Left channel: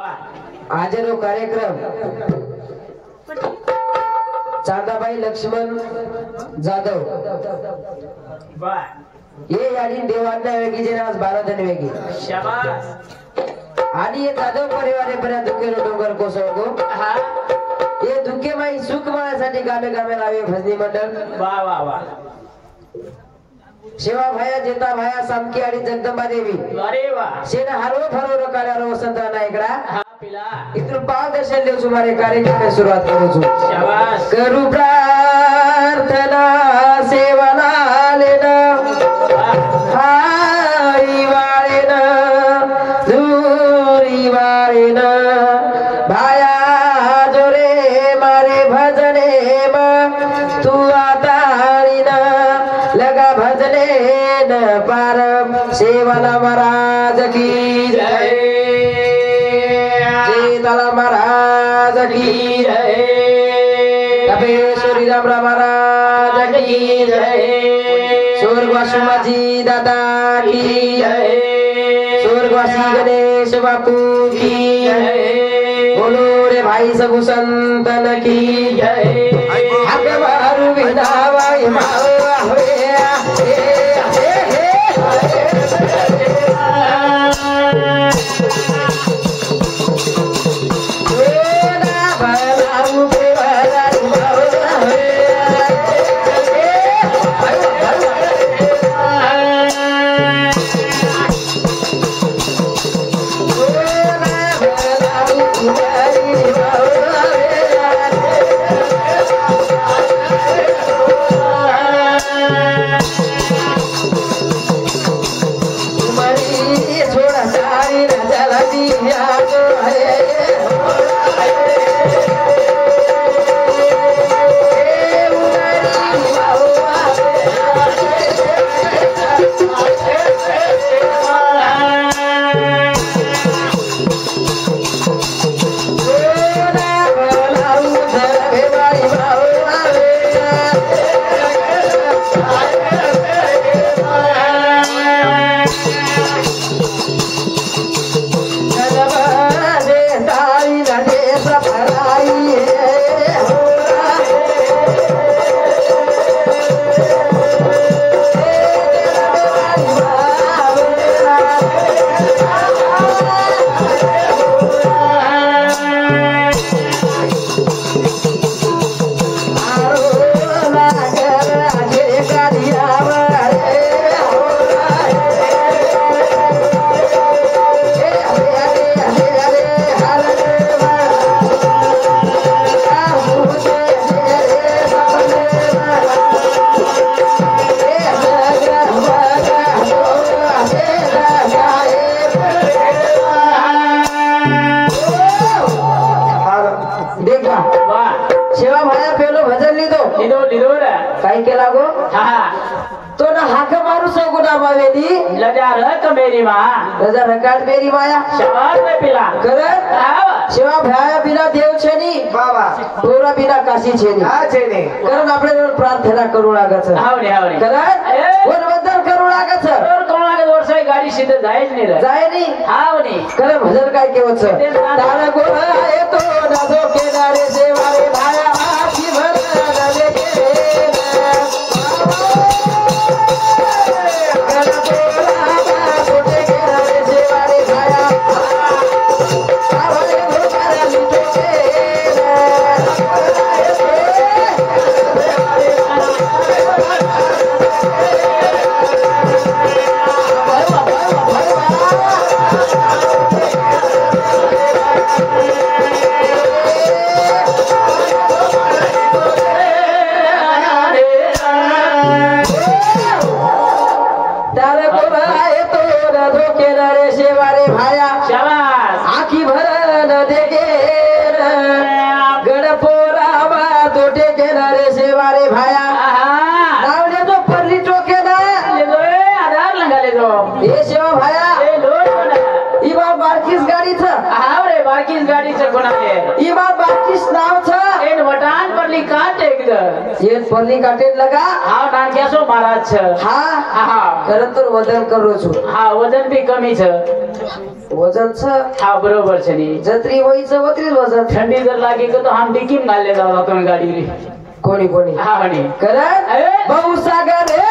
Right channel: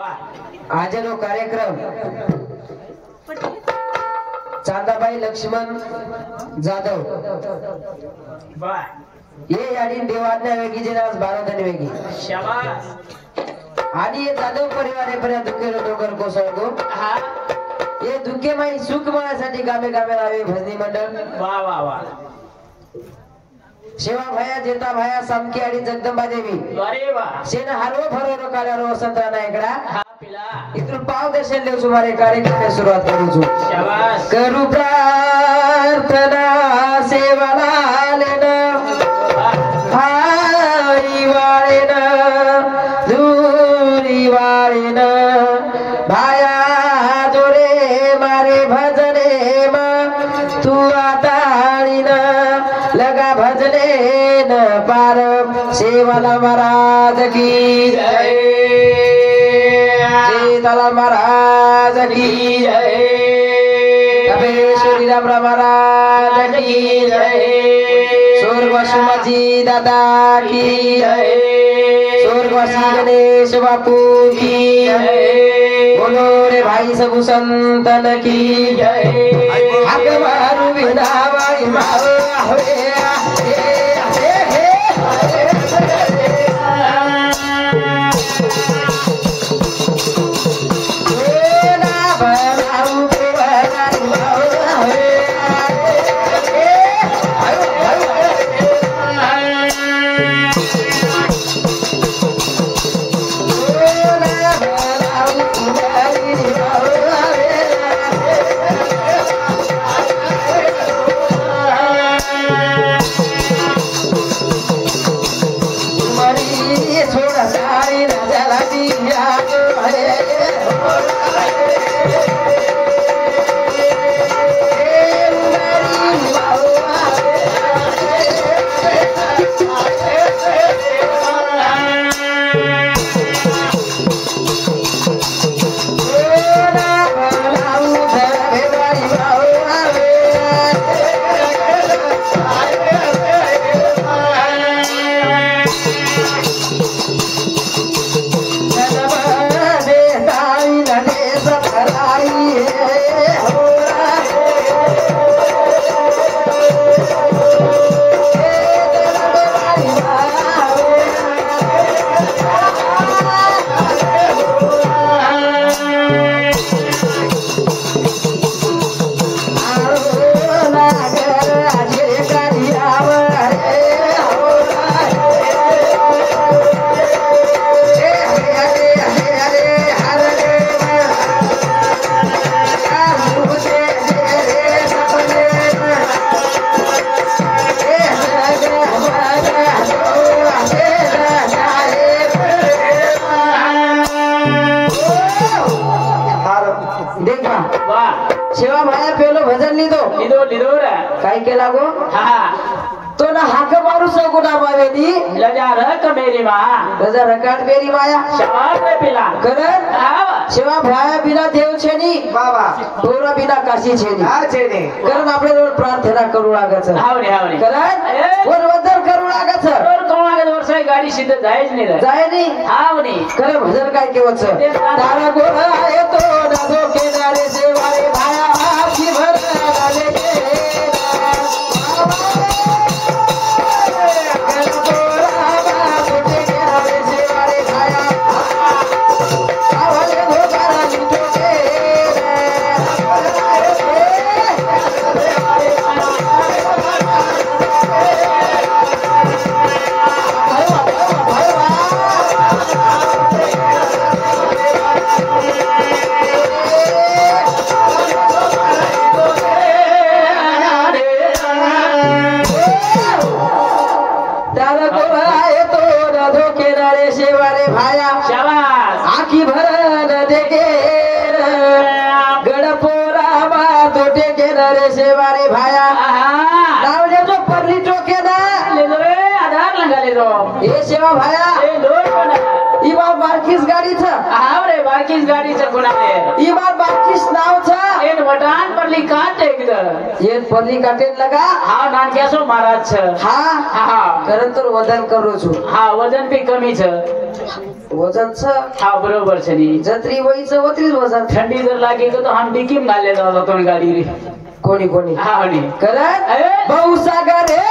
આજનો કાર્યક્રમ चांदाबाई लक्ष्मण जाधव ये आणि देवांना वेगी जे आज 12 जण वेगी शाबास आणि ये जाधव परिवारे पर्यंत दुखेरो डोंगर कोसळतो हा ये दुखेमाई सुखमासाठी गामे गामे लावे भजनी मंडळ वा वा वा शिवा भाया जेता भाया सामकी आणि जगदंबा देवी अरे वा सेना हरव फरव काल्यारो वसंत नायकडा हा पिला इथून पाव दर्शन देऊ सुमारे कार्यक्रम सुरुवात करू शाबास करू प्रार्थना सेवाला लेना हाई वाळेना दूरी वाळेना भाया जोरे मारे भजने मा तू आताळीना लगा भजने न पार सेवाला महाराज की जय सीताला महाराज की जय कपेश्वरी राम महाराज की जय स्वर्गवासी माझी दादा की जय स्वर्गवासी गणेश बापू की जय बोलो रे भाई सब संतन की जय हक मारू विनावाई मावा शिवा भाया बिना देव छेनी बाबा तोरा बिना काशी छेनी हा छेनी कारण आपल्याला प्रार्थना करू लागत हावणे हावणे कारण वरवदर करू लागत करू लागत वर्षाई गाडी सीधे जायच नाही जाय नाही हावणे खरं भजन काय केवच तारा गोरा येतो दादो केनारे सेवारे भाया आखी भर गावे बारकीस गाडीचं कोणाले ई बार बारकीस नावचं एन वटान परली काट एकद ये परली काटेन लगा हा नाक्यासो महाराज छ हा हा करन तर वजन करू छु हा वजन भी कमी छ वजनच हा बरोबर छनी जत्री वहीचं वत्रीच वजन थंडी जर लागे का तो हम डिकीम घालले जातो गाडी रे कोणी कोणी हा म्हणे करत भाऊ सागर हे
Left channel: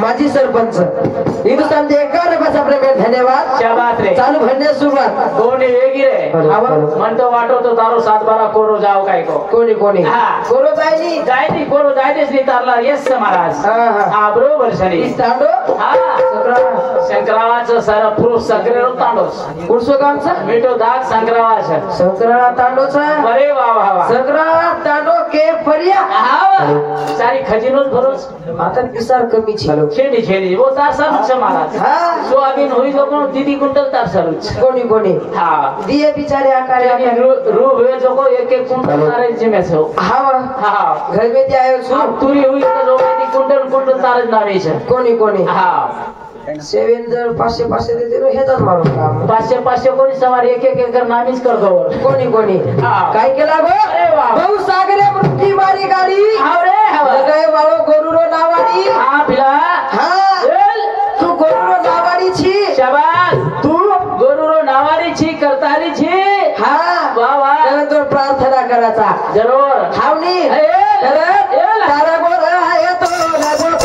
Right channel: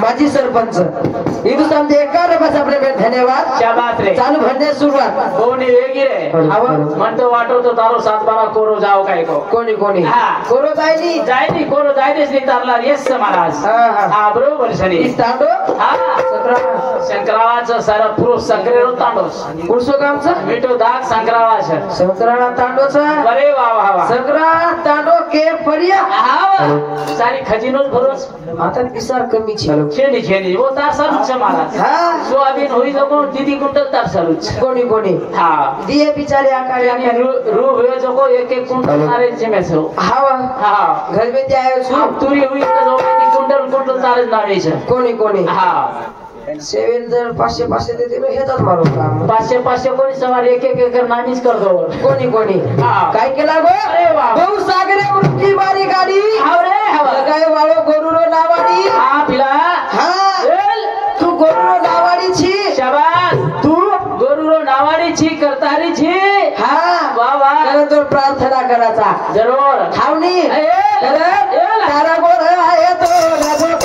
माजी सरपंच हिंदुस्थानचे 51 रुपयाचा धन्यवाद शाबास रे चालू भरण्यास सुरुवात कोणी वेगी रे म्हणतो वाटतो तारो 7-12 कोरो जाव काय को कोणी कोणी कोरो जायनी कोरो जायदेच नाही तारला येस महाराज हा बरोबर सनी तांडो हा संक्रावाचं सारा पुरुष संक्रेरो तांडोस पुरुषो कामचा मिठो दाग संक्रावाचं संक्राळा तांडोचा अरे वा वा वा संक्राळा तांडो के फरिया हा सारी खजिनोच भरोस आता पिसार कमी खेणी खेणी वो तार सरुच महाराज सोयाबीन होई जको दीदी कुंटल तार सरुच कोणी कोणी हा दिए बिचारे आकारे रू हुए जको एक कुंटल तारे जिमे छो हा घर में आयो छु तुरी हुई तो जो कुंटल तारे नावे छे कोणी हा सेवेंदर 500 देते ना हेच मारो काम 500 कोणी सवार एक कर नामीच कर दो कोणी काय केला गो भाऊ सागरे मृत्यू मारी गाडी काय वाळो गोरुरो नावाडी हा पिला तू गोरुरो नावाडी छी शाबास तू गोरुरो नावाडी छी करतारी छी हा वा वा तो प्रार्थना करायचा जरूर ठावणी तारा गोर आहे तो लागो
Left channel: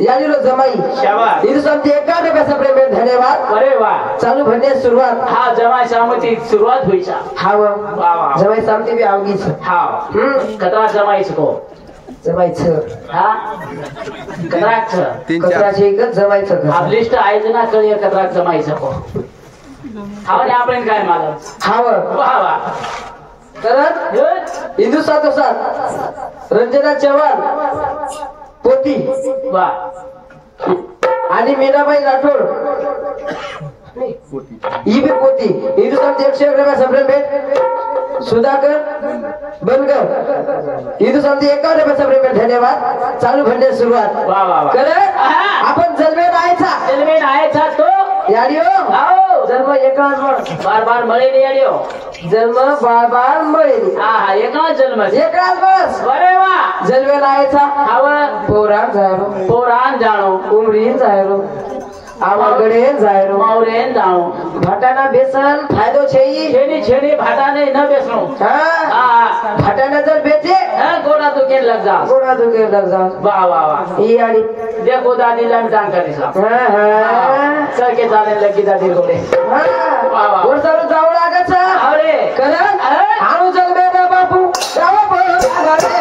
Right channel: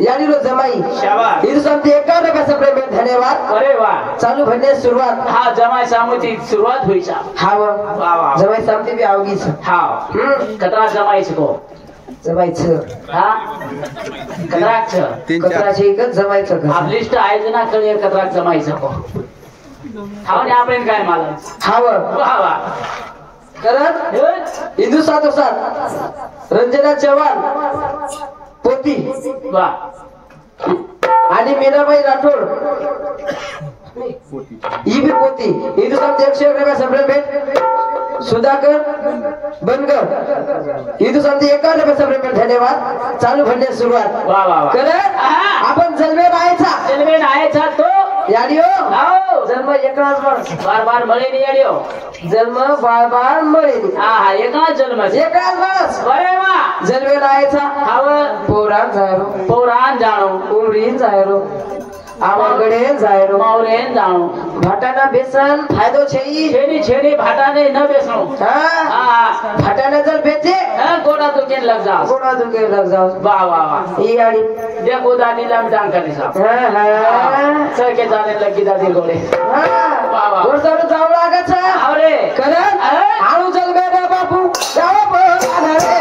यानी रो जमाई शाबाश हिंदुस्थानचे 51 रुपयाचा प्रेम धन्यवाद अरे वा चालू भरण्यास सुरुवात हा जमाई सामती सुरुवात होईचा हा वा वा जमाई सामती बी आवगीच हा कतरा जमाईच को जमाईच हा कतराच कतराचे एक जमाईच आप लिस्ट आहे ना कळी कतरा जमाईच को हावने आपण काय मला हाव वा वा करत हिंदुस्थान साथ रंजना चव्हाण पोती वा आणि मीनाबाई राठोड ही बी पोती हिंदुस्थानचे 100 रुपयाचा भेट सुधाकर बनगर हिंदुस्थानचे 51 रुपयाचा भेट धन्यवाद चालू भरण्यास सुरुवात वा वा करत आपण जलवे नायचा तो याडियो आओ जन्म एकाच बार मळे नाही याडियो जन्म बार मळे हा एकाच जन्म एकाच बस बरे वा जलवे नायचा हाव पौराण जायरो पौराण जाणो उमरीन जायरो आवागडे जायरो मौरेन જાણું ભાટાના બેસન ફાયદો છે ઈ છેની છેની ભાટાને ન બેસણું હા હા ભાટાના જલ બેચે હે ગોળા તો કે લગ જાવ ગોળા તો કે લગ જાવ વાહ વાહ વાહ ઈ આડી देखो दादी लाम जान कर साहब હા હા सर के जाने लगी दादी गोले હા વાહ વાહ વરસાદ જાવ લાગે છે અરે કરણ આણું જલ બેરા બાપુ જાવ બોલા રે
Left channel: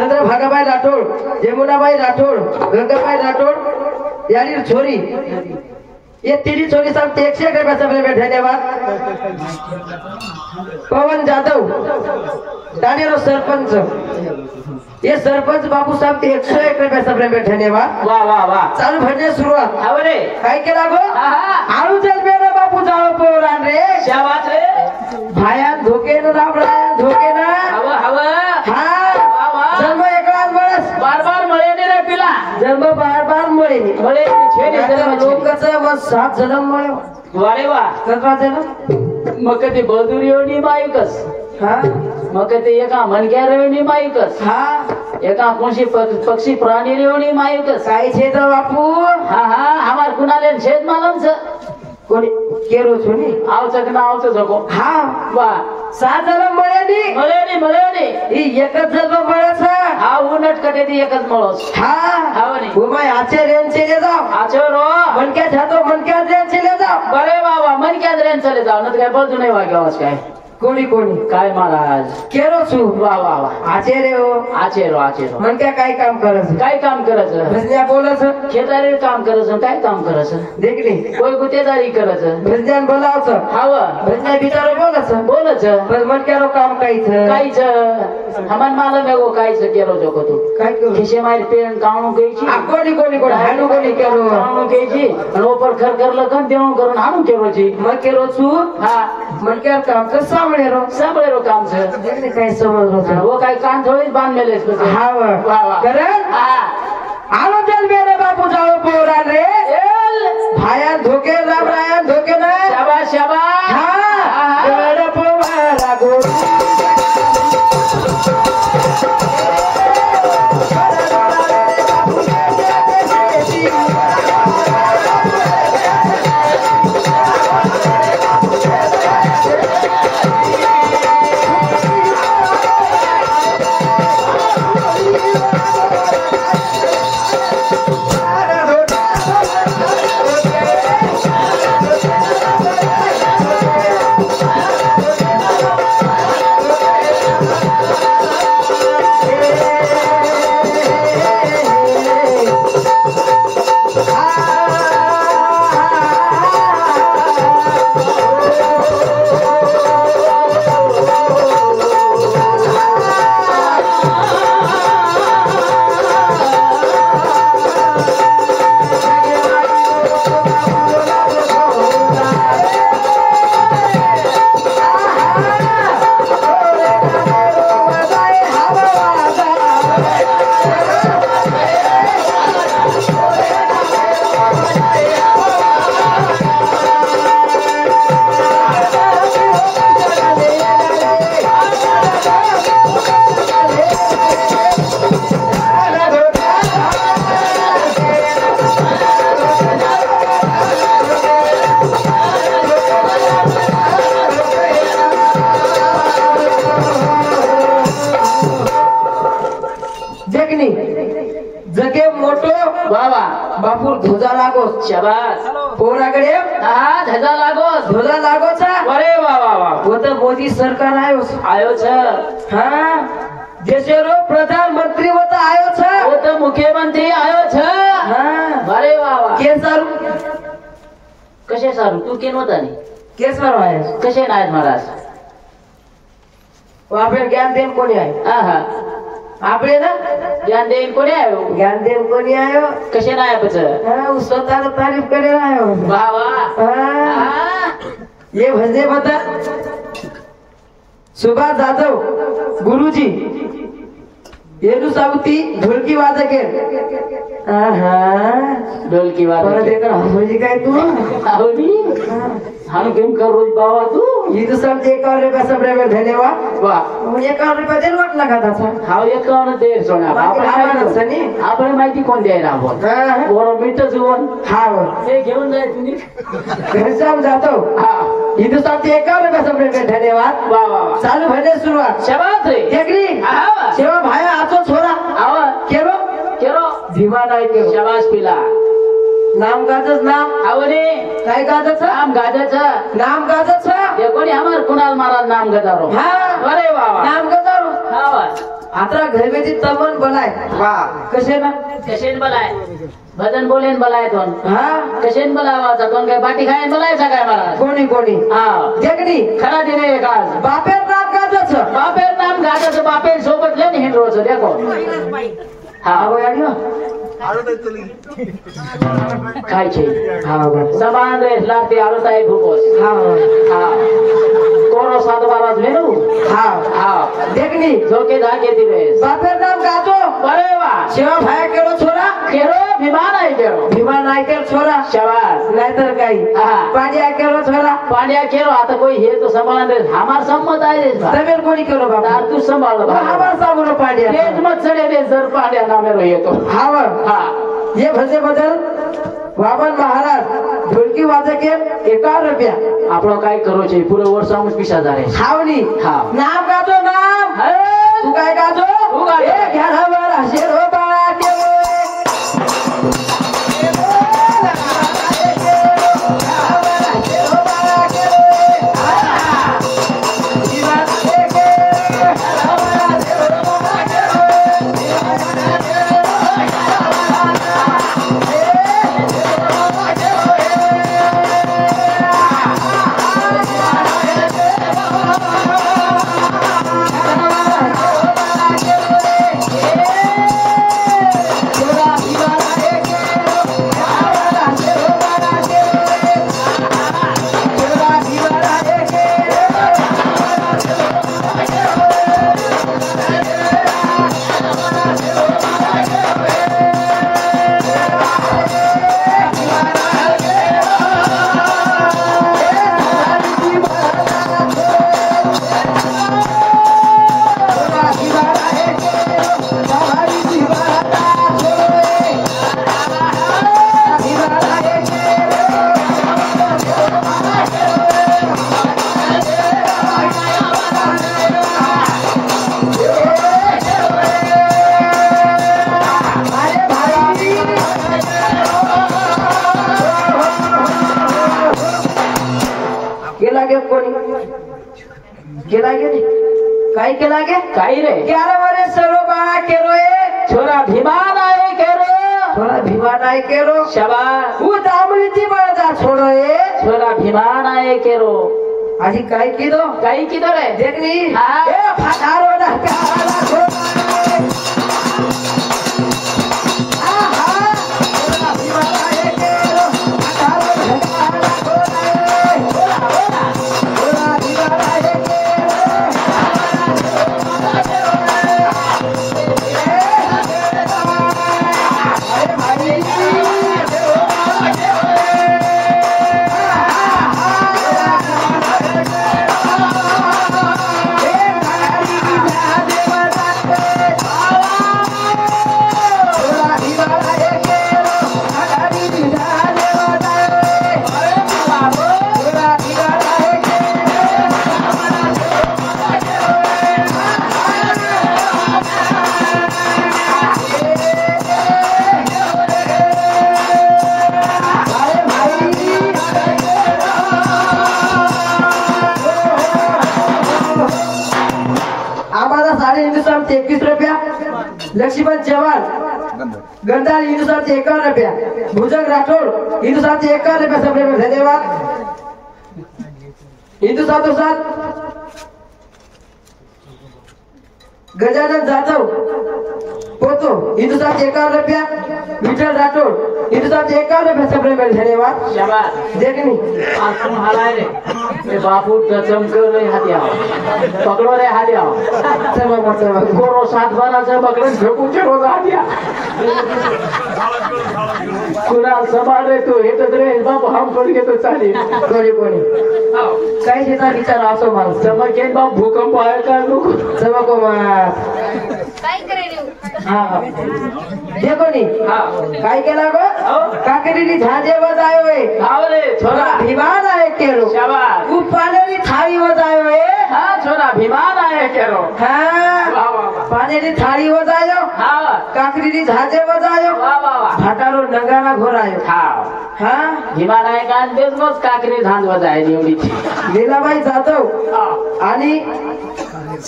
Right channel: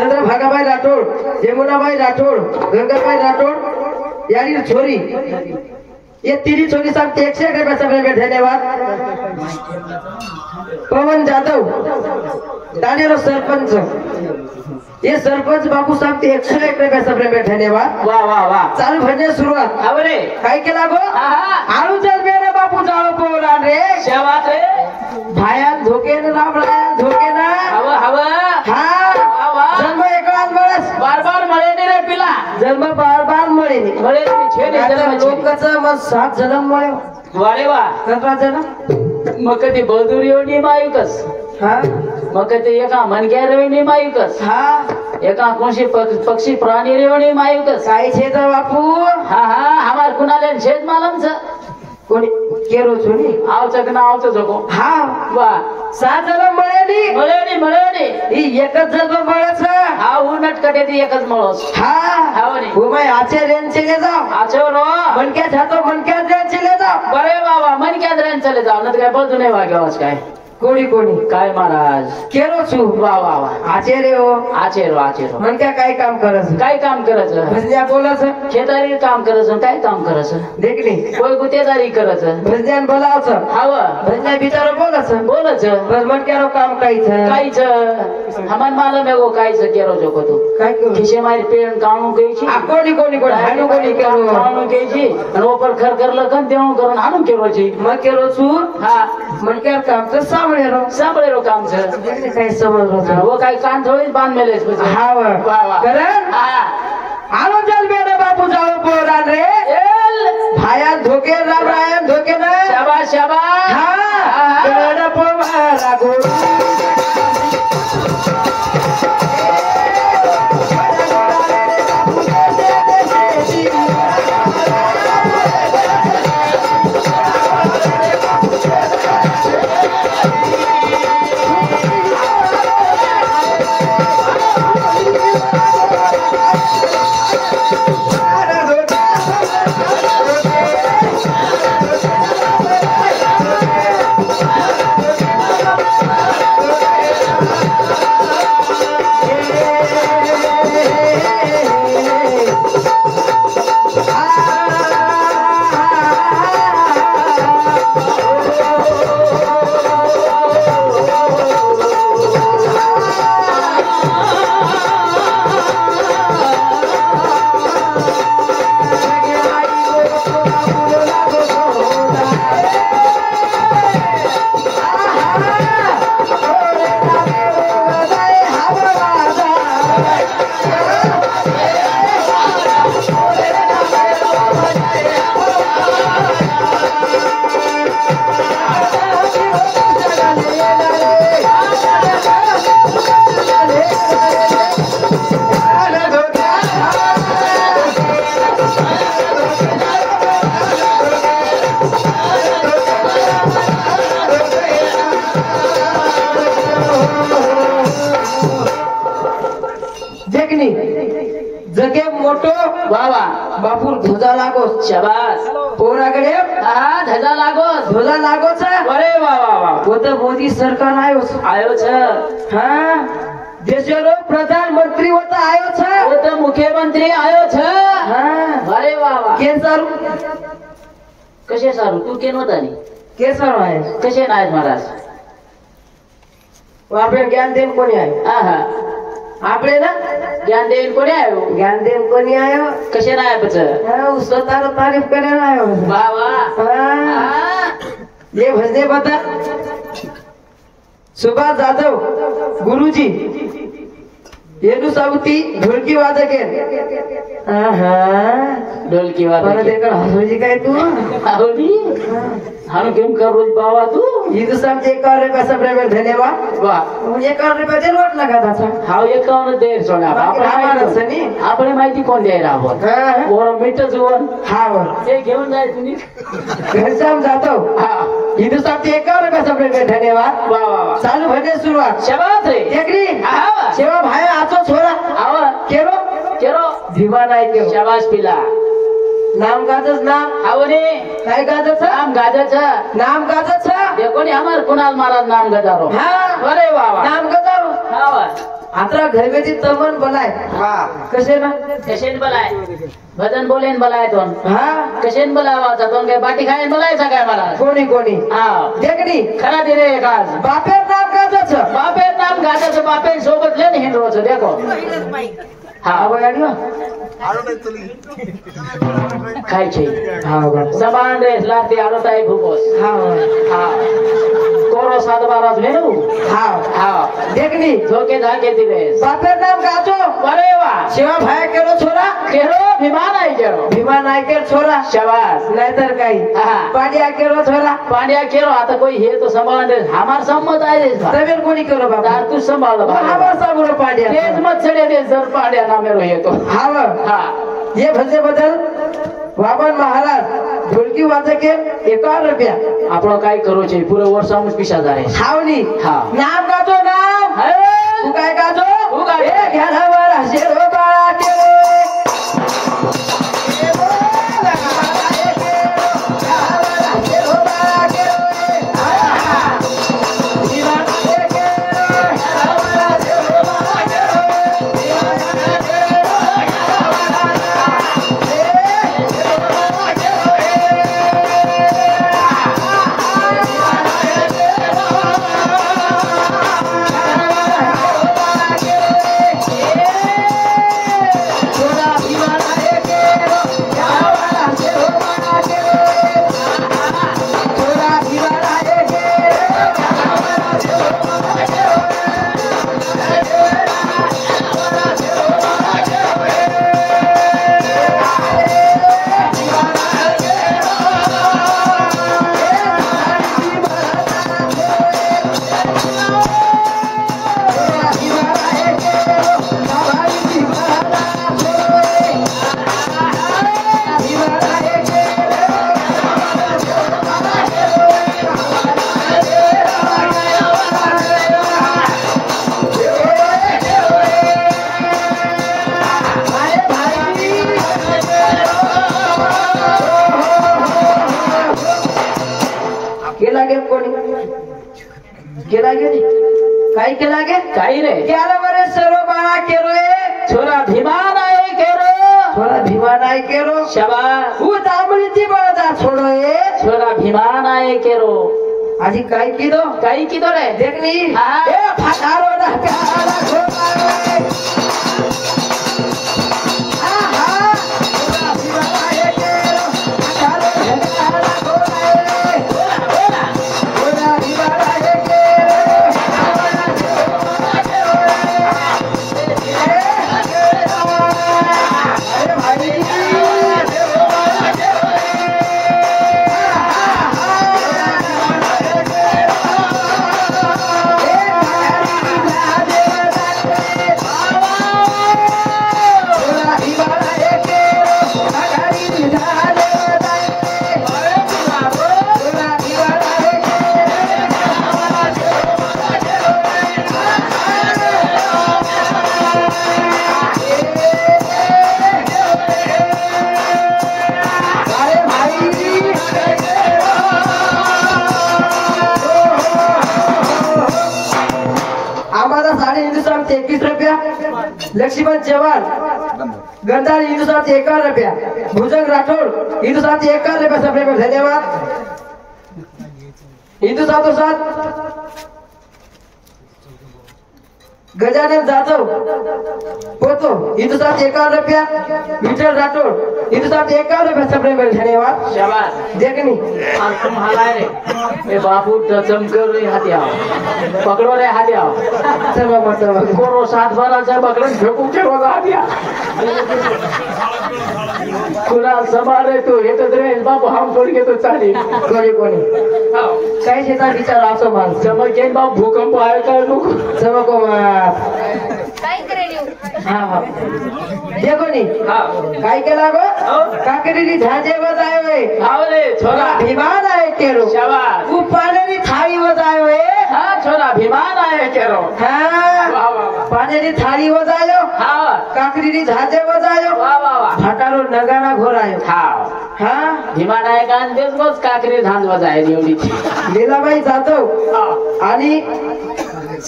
चंद्रभागाबाई राठोड यमुनाबाई राठोड गंगाबाई राठोड यानी छोरी ये तीन छोरी साहब 101 रुपये सब में धन्यवाद पवन जाधव दानेरो सरपंच ये सरपंच बाबू साहब 101 रुपये सब में धन्यवाद वाह वाह वाह चालू भजन सुरुवात अरे काय केला गो आळू चल मेरे बापू जाओ पोरान रे क्या बात है भाया धोके न रामराया धोके ना हवा हवा हा वाह वाह जन्म एकलाच माणस बार बार मळे ने रे पिला जन्म बार बार मळे मळे छे ने जन्म लोकांचा मग 7 जन्म मळे वारे वाह कसा जन्म मग कधी बदुरीओनी मायुकस हा मग कधी एका मनग्या रेवणी मायुकस हा एका कोणशी पक्षी प्राणी रेवणी मायुकस काय छे तर बापू हा हा हमार कुणाले छेद मालम छ कोणी केरो છો ની આવચક ના આવતો જકો હા વાહ 7 જન્મ મળે ની ઈ એક જ જન્મ મળે છે હા ઉનટ કટેથી એક જ મળો હા હાવની ઓ ભાઈ આચે રેન ચલે જાઓ આચો રો મન કે થાતો મન કે રેન ચલે જાઓ બરે બાબા મન કે રેન ચલે જાઓ નત કઈ બધું નહીં વાગ્યો છે કાઈ કોણી કોણી काय महाराज केरो છું वाह वाह वाह આચે રેઓ आचेरो મન કે કાઈ કામ કરે છે काय काम કરે છે ભજનિયા બોલે છે ખેતારી કામ કરે છે काय काम કરે છે દેખલી કોઈ ગુતેદારી કરે છે ભજનિયાન બોલાવ છે હાવ ભજનિયા બિચારો બોલે છે બોલે છે મન કેરો કામ કાઈ છે काय છે હમન માલમ એવો काय છે કેરો જોકો તું કાઈ કહું ખિસે મારી પેન કાણું ગઈ છે આ કોણી કોણી કોણ હાનું કોણી કેરો કાણું ગઈ છે અને ઉપર ઘર ઘર લગન દેણું કરું હાનું કેરો છે મન કેરો છું હા મન કે કામ તો સાંભળે રો સાંભળેલો કામ છે દેખને કાઈ સમજરો છે वो काय कान थोड़ी बांध मेले પછી હા વાહ વાહ કરે હા આલો ચાલ મેરે બાપુ જાઓ પોરાન રે એલ ભાયા ધોકે રામ રાયન ધોકે ના શાબાશ શાબાશ હા ગડ પોવારા ગો बापू ध्वजा लागो शाबास पोराकडे हा ध्वजा लागो ध्वजा लागोच अरे वा वा वा वो तो मोदी सरकार आयो छ हाँ देशरो प्रधानमंत्री होता आयो छ वो तो मुख्यमंत्री आयो छ हाँ अरे वा वा के सारू कसे सारू तू केन होता नी के सारू आहे कसे नाहीत महाराज आपले ज्ञान देण कोणी आहे हा हा आपले ना ज्ञान देईन कोणी आहे ज्ञान देण कोणी आहे कसे नाही बच स्वतः तारीफ करायला आहे वा वा हाँ। ये भजने बता सुभाष जाधव गुरुजी येनु सावती ढोलकी वादक ढोलकी वादक हसवजी काय तू हानु गेम कर रोज बाबा तू हिंदू सब 1 रुपया सब रेबर धन्यवाद वाह 1 रुपया देल वाट लगा था हा 1 दे सोना आपण माहिती कोण द्यायला बोल मिठ जुवन हा हे घेऊन जाय तुम्ही घनश्याम जाधव हा हिंदू सब 1 रुपया सब रेबर धन्यवाद वाह वाह चालू भजन सुरुवात शाबास रे देखली हा सेवा भाई आतो छोरा आवा केरो केरो धीमा नाही केरो शाबास पिला नाम गाजच नाम आवरे काय गाजच नाम गाजच नाम गाजच देखो नी हमार कुणाल महाराज नाम गजारो हाँ अरे वाह वाह नाम गजारो आवा आता घर में ती तमन बोलाय वाह कसे ना कशेन बलाय भजन बोलेन बलाय दोन हाँ कशेन बलावा दोन काय बाटी खायन बलाय सगळ्या महाराज कोणी कोणी हा देखनी खरा दिने एक आज बापेर नाम गाजच बापेर नाम गाजच बापेन सोबत लेन हिंडरोच देखो हा आवयाडियो काय छे हा बस समान रे लाती आलोता एक भूकोस हा हा कोरो सात बाराज लेनु हा हा देखनी झोके धाके दिले बापेर नाम गाजो अरे वाह सेवा भाई केरो छोरा केरो विमान आहे केरो भीमा नायकर छोरा शाबास नाहीतर काही हा पांड्या केरो छोरा पांड्या केरो आता कोई हे तो संभाळ रे हमार सम्मत आहे रे तबेल कोणी केरो बाबा तार तू संभाळ हमार सागुरो पांड्या तेज मत चढे दे जर पांड्या नामेरो येतो हाव हा ये भजे बदल वामन महाराज ढोलकी वाजके 1 रुपया आपण काय करू छे पुरे वर्ष आम पिशा जारे हावनी हा नाम गाजो नाम तू काय गाजो तू गाजो. ए घरावर हसेरो बाळा केरो केला गे काय केला गे काय रे 11 वर्ष सर्व बाळा केरो छोरा भीमान आहे केरो छोरा भीमान आहे केरो शाबास उ दामणी ती बळदा छोरो छोरा भीमान आहे केरो आजी काय किदो काय किदो रे देखनी हा. ए फाटारो ना प्यारा छोरा बाबा लक्ष्मण चव्हाण गंधार हिंदुस्तान 51 रुपया, भुजंग राठौड़ हिंदुस्तान 51 रुपया सबने में धन्यवाद। हिंदुस्तान तो साथ गजानन जाधव पोतो हिंदुस्तान 51 रुपया, विठल राठौड़ हिंदुस्तान 51 रुपया सबने में धन्यवाद। शाबाश देखनी आज तुम हलारे ए बापू चमकर रे हाथ आओ पकड़ो रे हाथ आओ चलो मतलब कोरो साथ बना से पकड़न फेंकू के रोज हाथ आ कुणा संभाळे तो हेतच रे बाप हम पड के तो चाली कोणी कोणी काही शेता विचार असो माणूस चमके बाप भूकंप आहे का लोक चमको मार काय करेल हा देखो नी काय केला गो काकरीनी झाजे बजायो है आवरे छोरा भीमान आहे केरो शाबाश तू पाण्यानी थाळी बजायो है हा छोरा भीमान आहे केरो हा पाण्यानी थाळी बजायो हा काकरीनी झाजे बजायो वा वा वा फाटारो नगारा घोरायो हा हा भीमान आहे का दिवसभर काकरी झांज वाजायची एवढी लीलाबाई जाधव आणि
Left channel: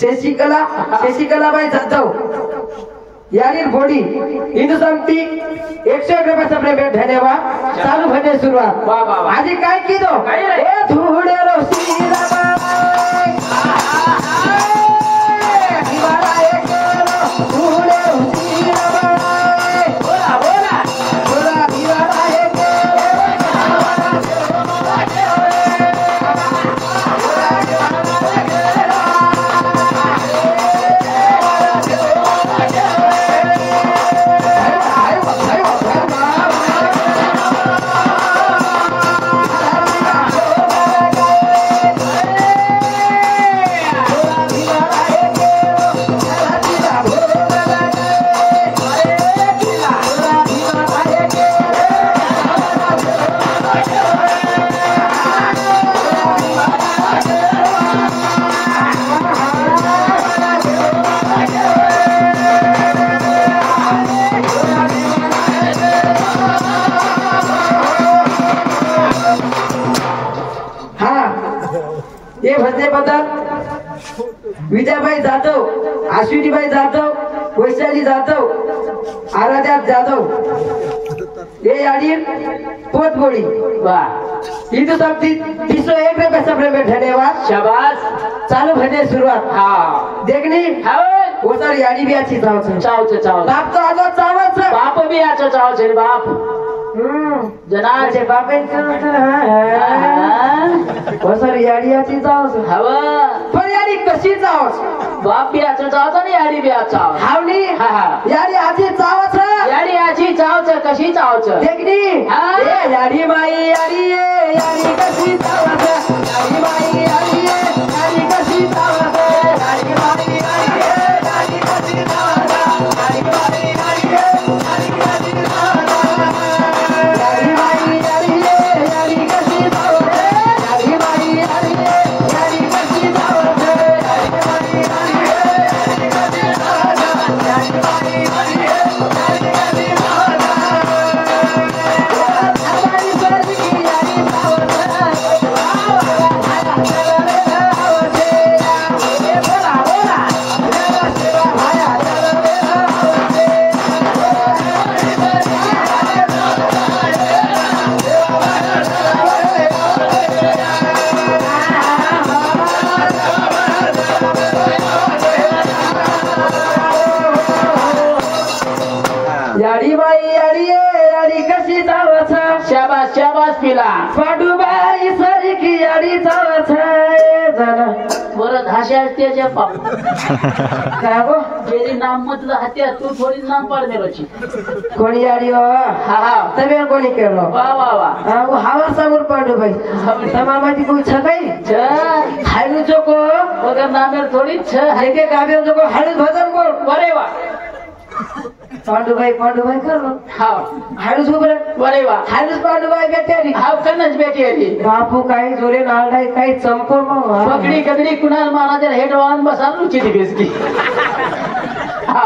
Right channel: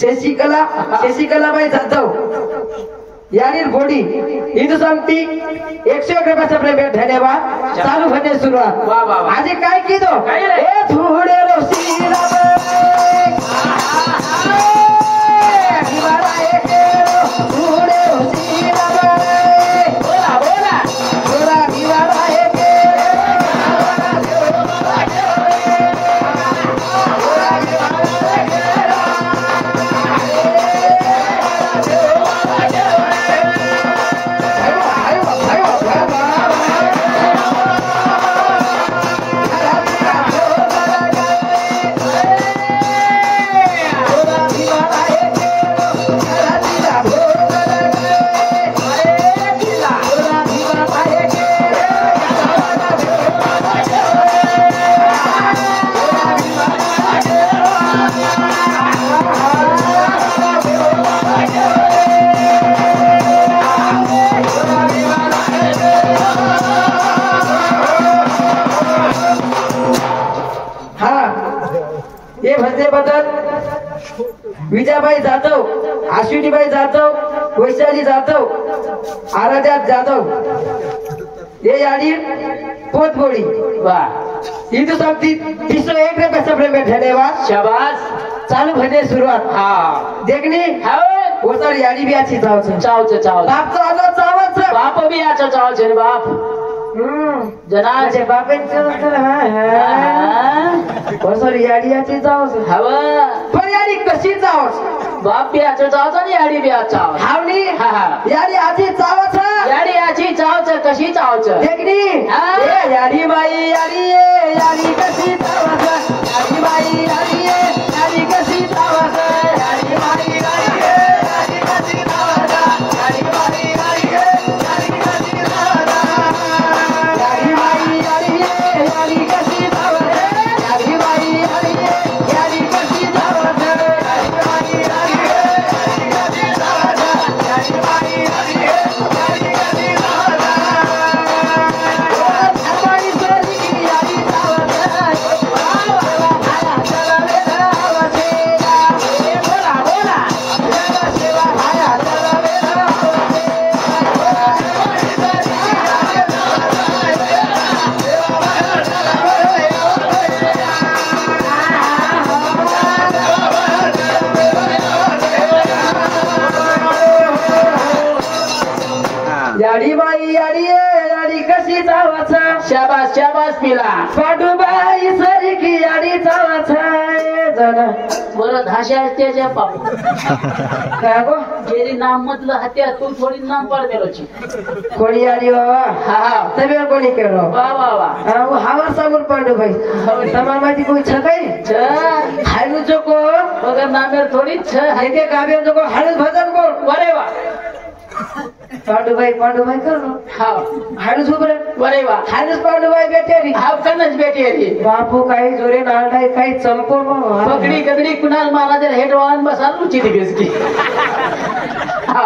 शशिकलाबाई जाधव यानी बोडी हिंदुस्तान 101 रुपये सबने में धन्यवाद। चालू भजन सुरुवात वा वा वा आज काय कीधो काय रे? ए धुडे रो शीलाबाई हिवारा एकेरो धुडे रो शीलाबाई बोला बोला छोरा हिवारा ये भजने बदल विजयाबाई जाधव, अश्विनीबाई जाधव, वैशाली जाधव, आराध्या जाधव ये यानी पोतबोड़ी वाह हिंदुस्तान 301 रुपये सबने में धन्यवाद। शाबाश चालू भजन शुरुआत हाँ देखनी वो सर यानी भी अच्छी चाव छे चाव बाप तो आजो चावत छे बाप भी अच्छा चाव छे बाप जना जे बापेन वो सर यानी अच्छी चाव छे हवा पण यानी कशी चाव छे बाप भी अच्छा चाव छे आणि याडी भी अच्छा हावनी यानी अच्छी चाव छे याडी अच्छी चाव छे कशी चाव छे देखनी ए यानी बाई यानी कशी चाव छे यानी बाई यानी कशी चाव छे यानी बाई यानी कशी चाव छे यानी बाई यानी कशी चाव छे यानी बाई यानी कशी चाव छे यानी बाई यानी कशी चाव छे यानी बाई यानी कशी चाव छे यानी बाई यानी कशी चाव याडी बाई याडी कशी चावत शाबाश शाबाश पिला पांडुबाई सरी की याडी चावत जरा बरं धाशा त्याच्या बाप काय गो गेली नाम म्हटलं हात्या तू थोडी नाम पड देलोची कोणी याडी बाबा हा તમે કોની કેળો वा वा वा હું હાવર સાગર પાંડુભાઈ તમારમાંથી કોઈ છે કઈ હાયલું જોકો वगैरे नामेर थोडी छ હાઈકે કાવ્યો જોકો હાયલું ભજન કોણ वरे वा પાંડુભાઈ કરો हा હાયલું છોકરા वरे वा હાયલું પાંડુભાઈ બેઠેરી हाव कनच बेटी હતી બાપુ काही જોરે નાળાઈ काही ચંપો पकडी गदडी कुणाल महाराज हेड वाहन बसाल चिती बेसकी हा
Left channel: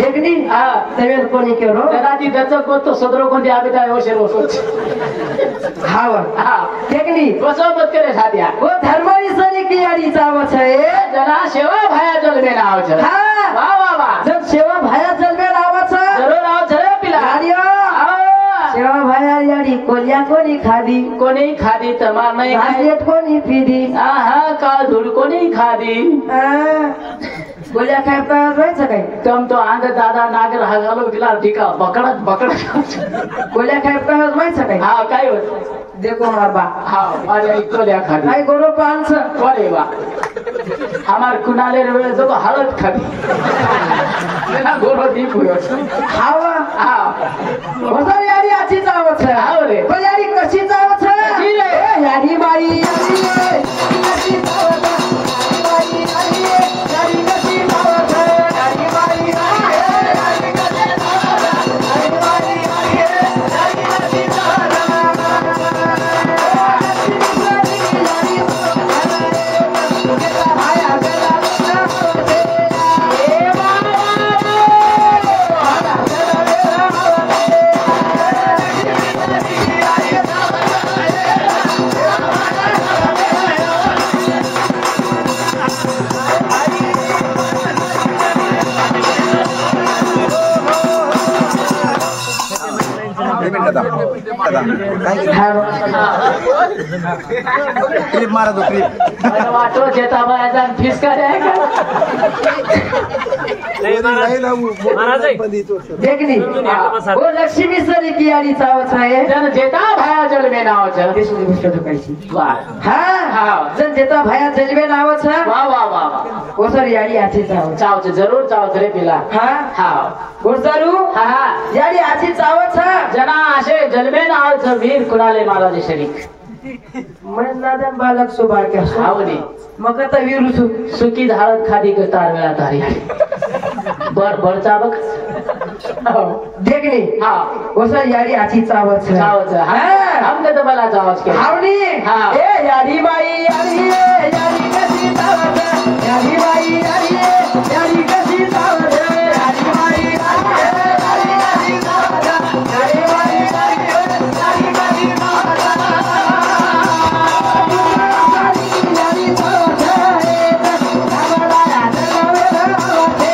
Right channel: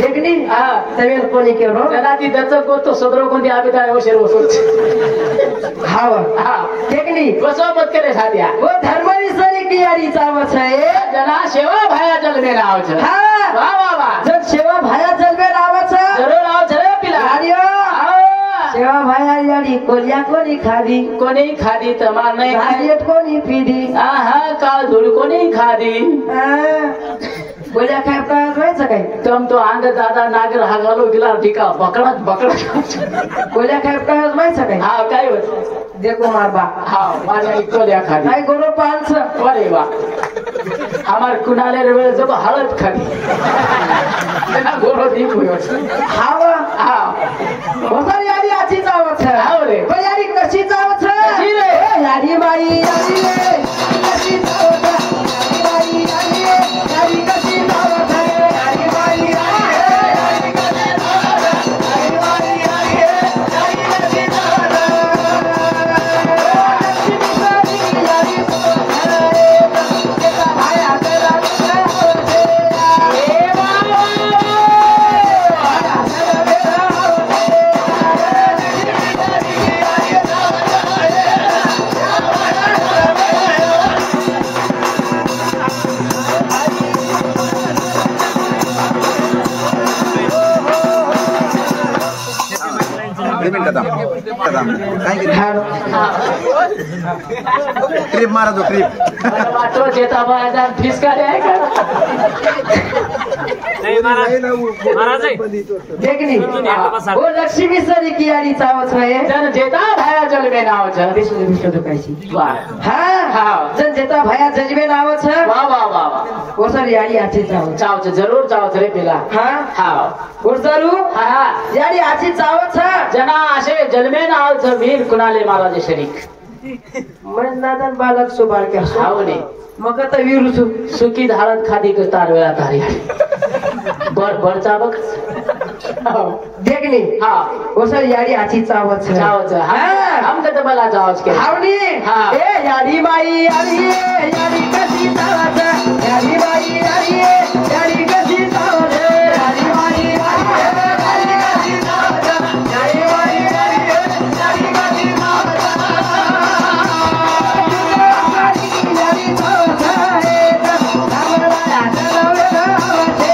देखनी हा તમે કોની કેળો जनाती दत्त को तो सदरो कोणती आगदा ओशेर वसोच हाव हा देखनी वसो मत करे साध्या ओ धर्मानी सरी की याडीचा आवाज आहे जना सेवा भाया जलमे नाव छ हा वाह वाह वाह जब सेवा भाया जलवे आवाज जरूर आओ जरे पिला याडियो सेवा भाया याडी कोलिया कोणी खादी कोणी खादी तमार नाही राजेट कोणी पिदी आहा काल धूळ कोणी खादी गोल्या काय व्हायचं काय तम तो अंग दादा नागर हा घालो गेला टिका पकडत गोल्या काय व्हायचं काय हा काय होत देखो मारबा हा माझ्या इकोल्या खादी काय गोरो पांच अरे वा हमार कुनाले रे जो हळद खादी ना गोरो दीप हुयो हावा हा वसा याडी आची चावत हाव रे पण याडी कशी चावत कशी रे याडी बाई याडी कशी चावत याडी बाई याडी याडी कशी चावत याडी बाई याडी कशी चावत याडी बाई याडी कशी चावत ट्रिप मारा दो ट्रिप वाटो जेता बायचा फिसका रे का देखनी वो लक्ष्मी सरी की याडी चावत आहे जन जेता भाया जलमे नाव छ विष्णु विष्णु कायची वाह हा हा जन जेता भया जजबे नाव छ वाह वाह वाह वो सर याडी आची चावत चाव छ जरूर चाव छ रे पिला हा हा गुरदारू हा याडी आची चावत छ जना असे जलमे नाव छ वीर कुनाले महाराज शरीक मन नादन बालक सुबाल का हावने मग आता विरुसु सुकी धारत खादी को तार वेळा तारी बर बर चाबक देखनी हा वो सर याडी आची चावत छ चावच हा हम तो मला चावच के हावनी हा ए याडी बाई याडी याडी कशी चावत याडी बाई याडी याडी कशी चावत याडी बाई याडी कशी चावत याडी बाई याडी कशी चावत याडी चावत आगला आगला वेलावते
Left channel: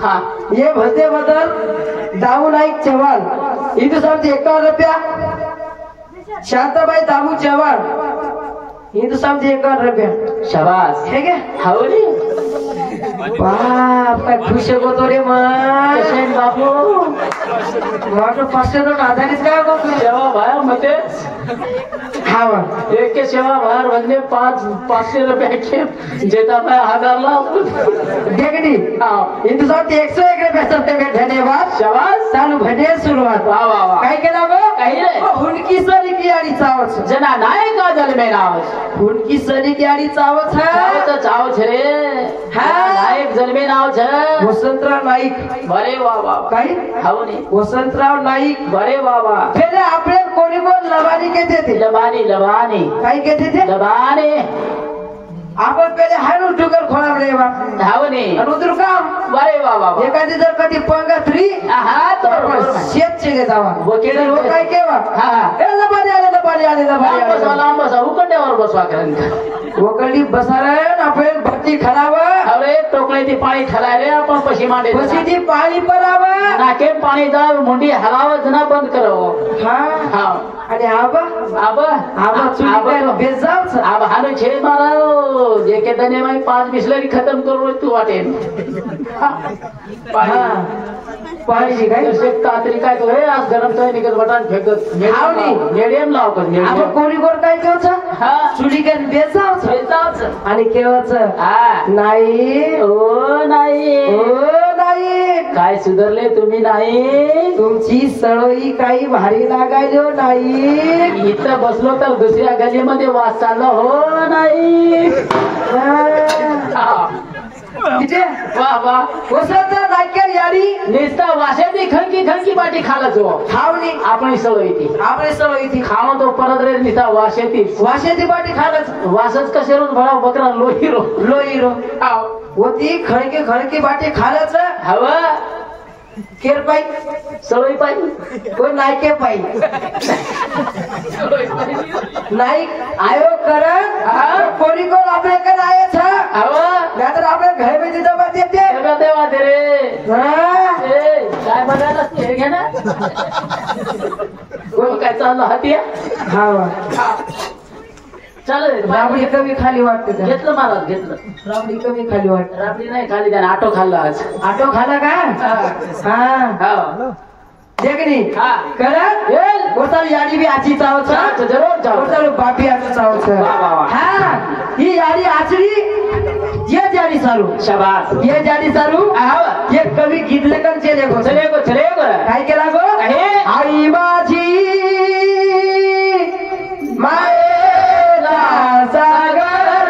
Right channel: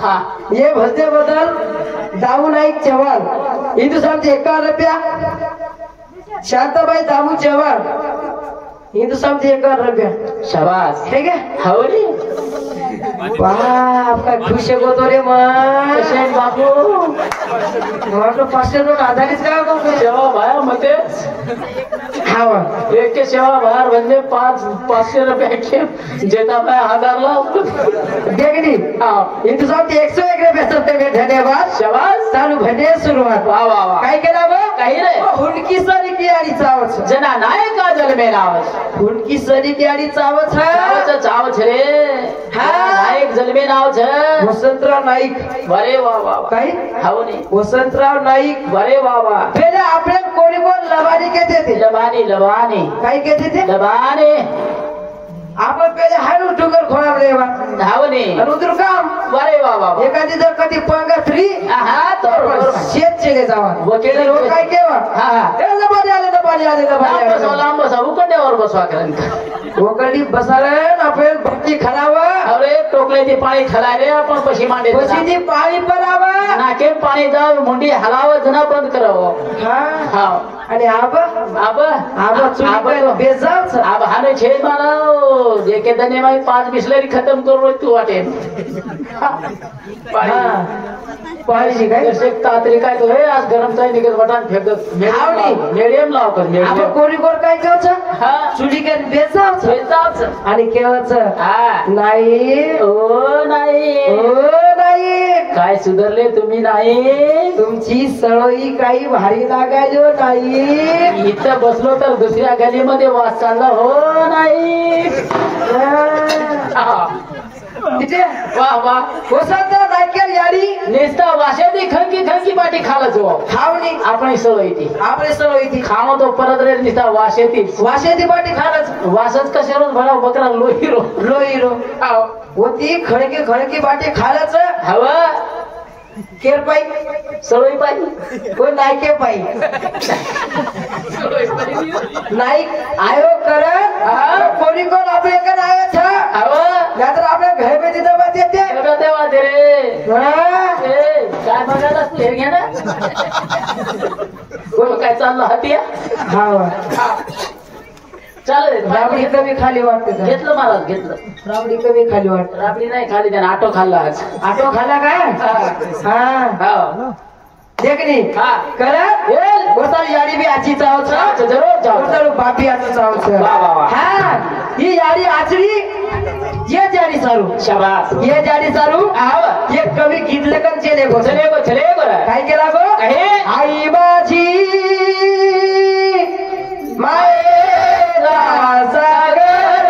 हा ये भजते बदल दाऊ नाईक चव्हाण हिंदुस्थानचे 51 रुपया शांताबाई दामू चव्हाण हिंदुस्थानचे 51 रुपया शाबास हे गे हावली बाप काय खुश होतो रे मग कसे बापू म्हटलं 500 नोट आधारित काय करतो सेवा भाया मते हावा एक के सेवा भाया म्हणजे 500 रुपये के जेता मैं 1000 ला देखनी हाँ हिंदुस्थानचे 101 रुपया सबसे धन्यवाद शाबास चालू भजे सुरुवात वाह वाह वाह काय केला बघ काही रे हुंडकी सरी की आडी चावच जना नायका जलमे नाव हुंडकी सरी की आडी चावच चावच चावच रे हा नायक जलमे नाव छ वसंतराव नाईक बरे वा वा काही हावनी वसंतराव नाईक बरे वा वा पहिले आपले कोणी कोण लबानी कहते थे लबानी लबानी काय कहते थे लबानी आपण पहिले हायलो टुकर खोला रे बा हावनी अनुद्र काम बरे वा वा एखादी जर कधी पंगा फ्री हा तो शेत चेले जावा वकील लोक काय केवा हा ए लबानी आले लांब बसा उकड्यावर बसवा करेन ओकडी बसायला आपण भट्टी खरावा अरे टोकले ती पाणी खलाय रे आपण पशी मांडे पशी ती पाणी परावा नाके पाणी जाऊ मुंडी हलावत ना बंद करावं हा आणि आबा आबा आबा चुली बेजाव आबा हाने छेद माराव जे के दने में 5 बिस्लरी खत्म करू तू वाटे पाहिजे काय जसे तात्री काय तो हे आज गरम चाय निघत बटान फेकत मीडियम लाव कर आपण कोणी कोण काय केवचं हा चुली काय बेजाव आणि केवचं हा नाही ओ नाही काय सुधारले तुम्ही नाही तुमची सळोई काही भारी लागायलो नाही इथं बसलो तर दुसऱ्या गलीमध्ये वास चालला हो नाही वा वा वसंत नायकेल यारी नेसता वाशाची खंकी बाटी खाला जो खावणी आपली सवय ती आपली सवय ती खाणं तो परत रे निसता वाशेती बाटी खालच वासच कसे रोज भराव बकरा लोहिरो होती खळकी बाटी खालच हवा केर पाई सवय पाहिजे कोण नायके पाई नाईक आयो करत कोणी कोण आपले का नायच हवा नाहीतर आपल्या घर में तिथं मत येते देवा ते रे काय बघायला हे घे ना काय चाललं हातिया हा चालेल राबडी कमी खाली वाटते घेतलं महाराज घेतलं राबडी कमी खाली वाटते राबडी नाही खाली त्याने आटो खाल्ला आज आटो खाला काय हा देखनी करत बोलताना याडी बी आजी चावच जरूर बोलताना बापी आचं चावच हा ही याडी आचरी ये जाडी सारू शाबास ये जाडी सारू ये कमी गीतले कन चले गो काय केला गो आई माझी मायेचा सागर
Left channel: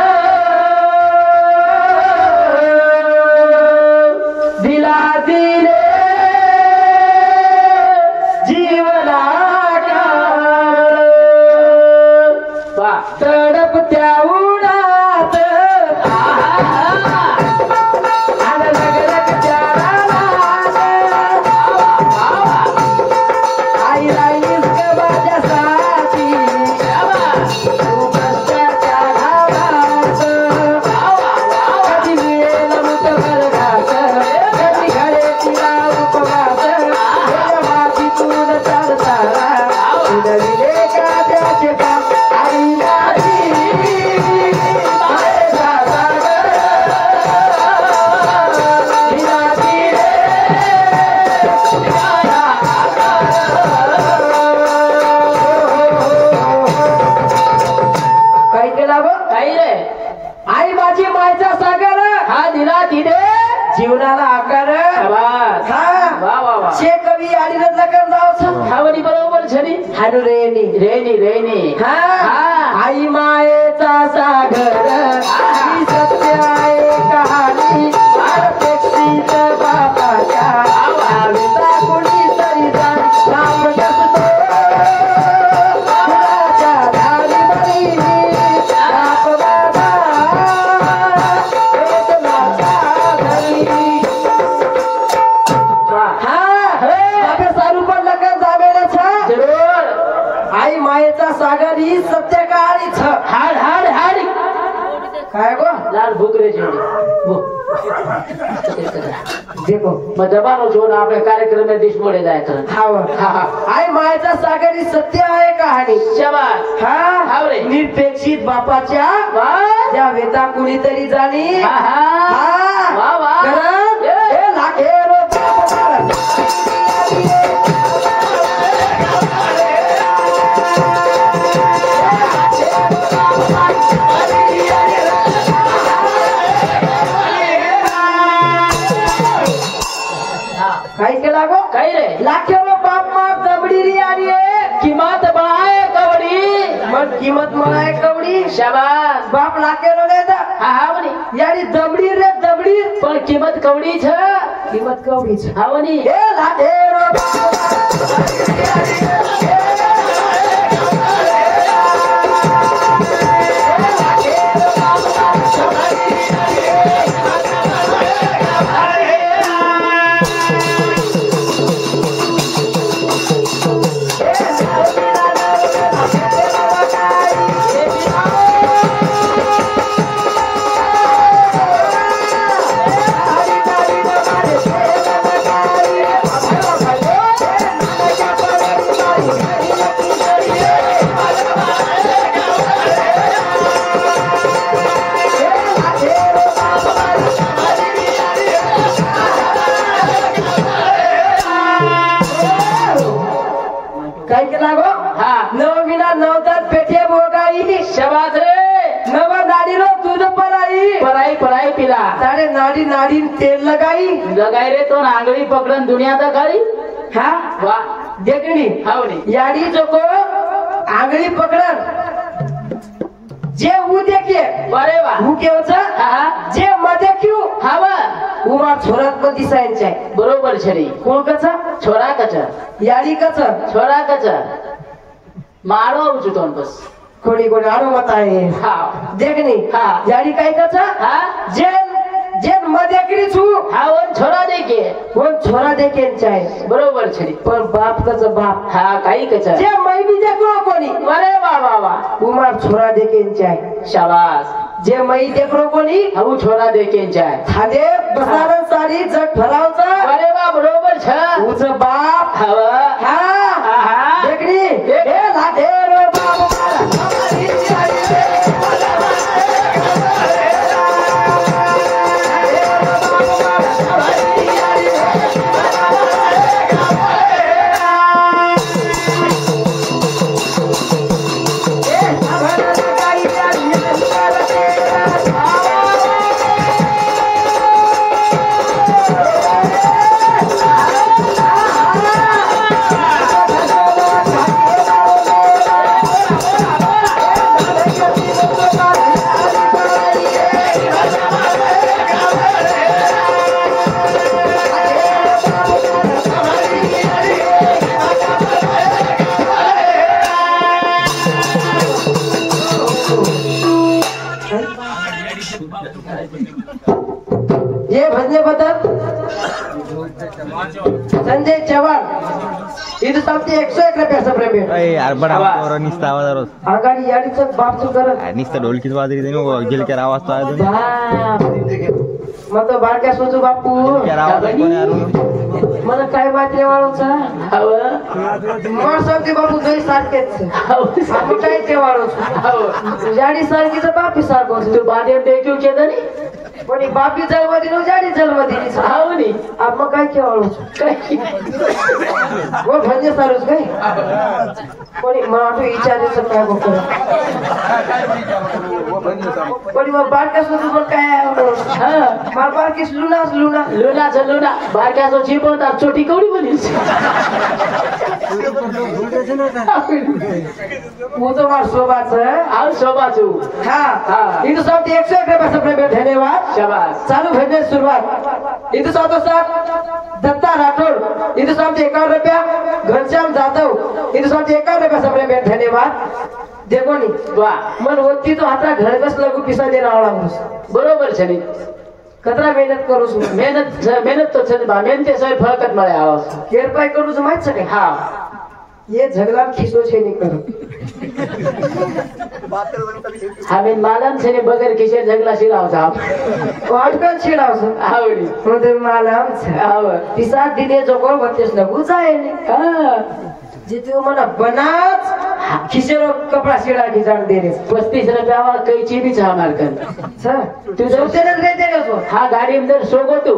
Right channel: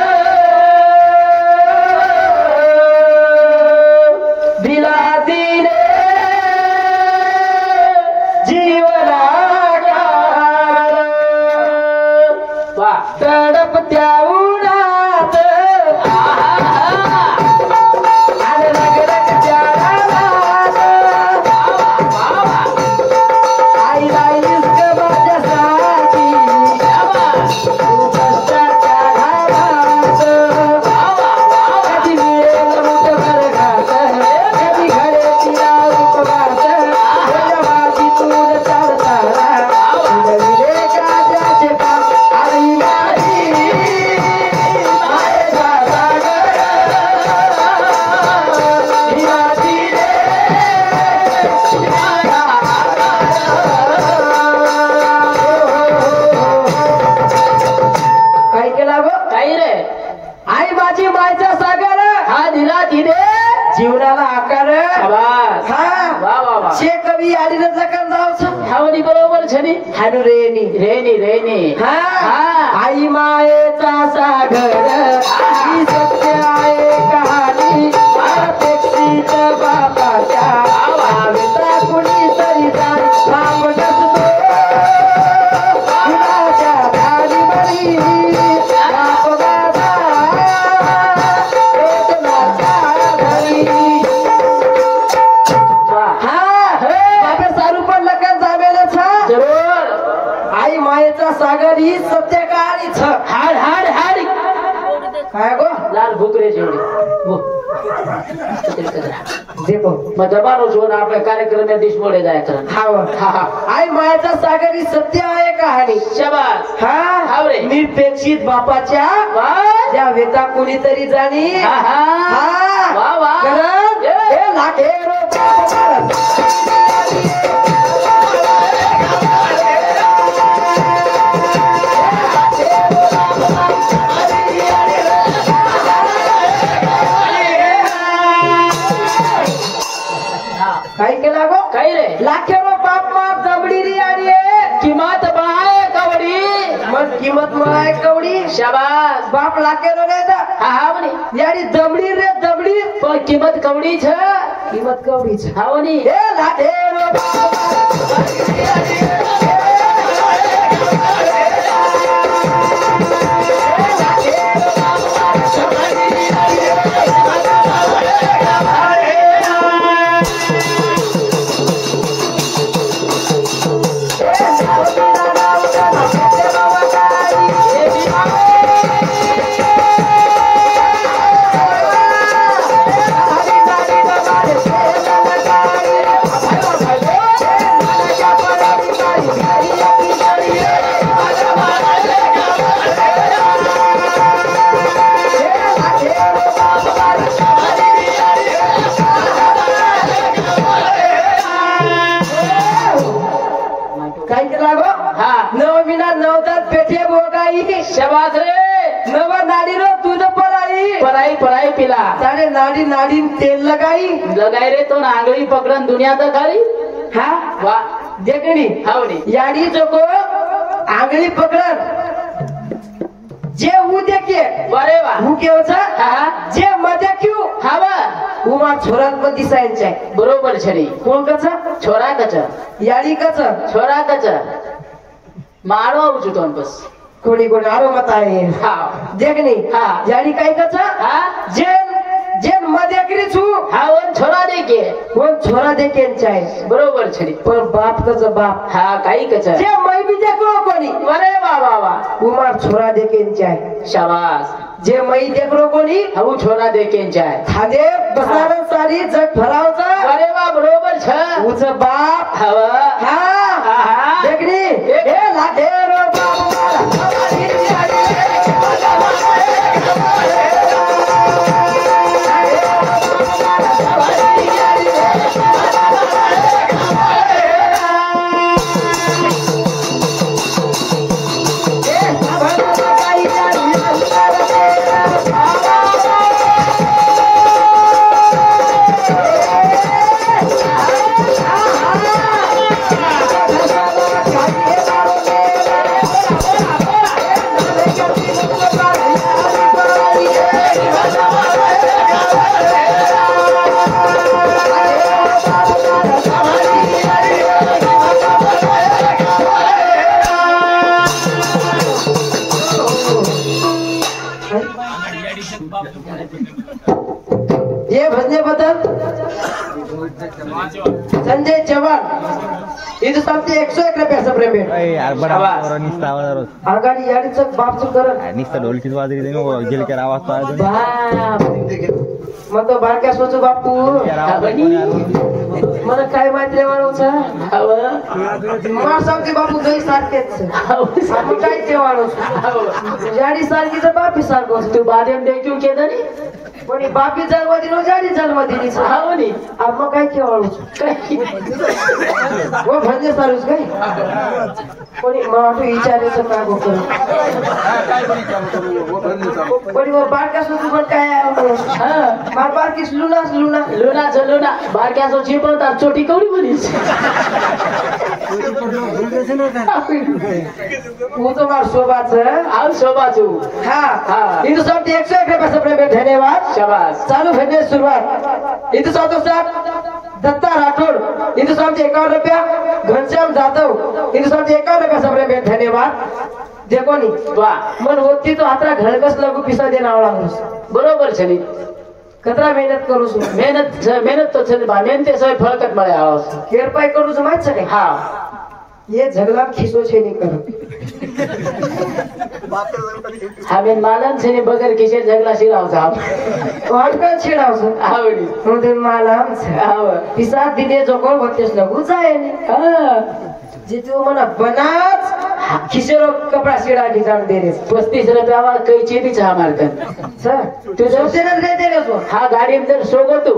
दिला दिले जीवना तडप त्या उन्हात आई राईस माझ्यासाठी तू कष्टाच्या घामात कधी मिळेल ऋतभर घात कधी घडे तिला उपवास मातीतून चालताना उडविले काट्याचे पान आई माझी मायेचा सागर दिला दिले काय केला गो काही रे आई माझी मायचा सागर हा दिला तिने जीवनाला आकार शाबास हा वा वा वा शे कवी आणि कर जावचं हावनी बरोबर छनी हानू रेनी रेनी हा आई मायेचा सागर ही सत्य आहे कहाणी अपेक्षित बापाच्या नावेचा कुणी तरी जाण बाप नसतो कुणाच्या धाडी बरी बाप बाबा वेदनाचा धरी बाबा सारू पण लगन जामेलच जरूर आई मायेचा सागर ही सत्य कहाणीच हाड हाड हाड काय गो लाल भुकरे जोड़ी वो देखो मैं दबारो जो ना आपले कार्यक्रम में डिश बोले जाया कर हा आई मायेचा सागर ही सत्य आहे कहाणी शाबास हा रे निरपेक्षित बापाच्या ज्या वेता कुणीतरी जाणी वा वा हे लाखेरो बाप भारत काय केला गो काही रे लाखेरो बाप माप दबडी री आणि किंमत बळाय कवडी मग किंमत मळाय कवडी शाबास बाप लाखेरो ने दा हावनी यारी दबडी रे दबडी पण किंमत कवडी छ किंमत कवडी छ हावनी हे लाखेरो शबास रे नवा नाडी रो तुझ पराई पराई पराई पिला तारे नाडी नाडी तेल लगाई लगाई रे तो आंगळी पकडन दुनिया दखाली हा वा देखणी हावनी याडी चोको आंगळी पकडन जे ऊ देखे बरे वा ऊ केवचा हा जे मध्ये क्यू हावा उमा छोरात मध्ये दिसायचे बरोबर छरी कोण कचा छोरा कच याडी कचा छोरा कच मारो उचुतोन बस कोणी कोणी आरो मत आहे हा देखणी हा याडी काय कचा हा जेन जेन मध्ये करी छू हा वन छोरा देखे कोण छोरा देखे चाहे बरोबर छरी पण बाप कचा बाप हा काही कच जे मै बी देखो कोणी अरे वा वा वा उमा छोरा देखे चाहे शाबास जे मै देखरो कोणी हाऊ छोरा देखे जाय खादे बसार सारी जग फरावचा अरे वा बरोबर छ उच बाप हवा हा हा देखणी हे लागे रो बाप ये भजने बदल संजय चव्हाण इथं सांगते 101 रुपयाचा प्रेम आहे यार बडा पोरा निस्ता आवाज आलो आगाडी याडीचं बापचं कर निस्ता ढोलकीच वाजरी देनो गेलकर आवाज तो आयो बाप मग तो बारक्या सोचू बापू गेलकर आवाज कोणी आलो मला काय माहिती वाळूचा हवा मला सांगते बापू दोई सारखेच आपण काय ते वाळू जाडी सारखी तर बापी सारखं तू बादेव देखू केलं नी कोणी बापी जन्मदिन नो जाडी जन्मदिन हाव नी आपण काय के वाळू वो भंजे सारूस काय कोणी मला तू विचारायचं काय गोष्ट कोणी मग बारक्या सोचू पण काय हा मला बारकीस लुनाच लुना लुनाचं लुना बारक्याचं चिपवतात छोटी कवडी बोलीस वो तो मार शोभाचं आव शोभाचू हा हा. इथं सांगते 101 रुपयाचा प्रेम आहे. धन्यवाद शाबास चालू भेटणे सुरुवात इथं सांगतो साठ दत्ता राठोड इथं सांगते 51 रुपया घनश्याम जाधव इथं सांगते 51 रुपयाचा प्रेम आहे. धन्यवाद देखो नी वा मन होती तो आता घर बस लागू पिसा दे रावला बरोबर छनी कतरा मेहनत करू सु मेहनत तो छनी बा मेहनते सय फळकत मळे आवाज हेरपाय करू सु माहित सके हा ये झगड़ा खिसो छे नहीं करो हमें मालम छनी बगर किसे झगड़ा शिराव साहब वाटकन छिडाव सु आवडी म्हणजे मालम आव पिसा दिने जो कोण बत्तीस लगू जाय हा जितू मना बनाच खिसेरो कपड़ा सीड़ा की जान दे रे 35 रुपयावर कैची बी छा मारकन सर तू जोते न रे दे रे हा गाडी में सोगो तू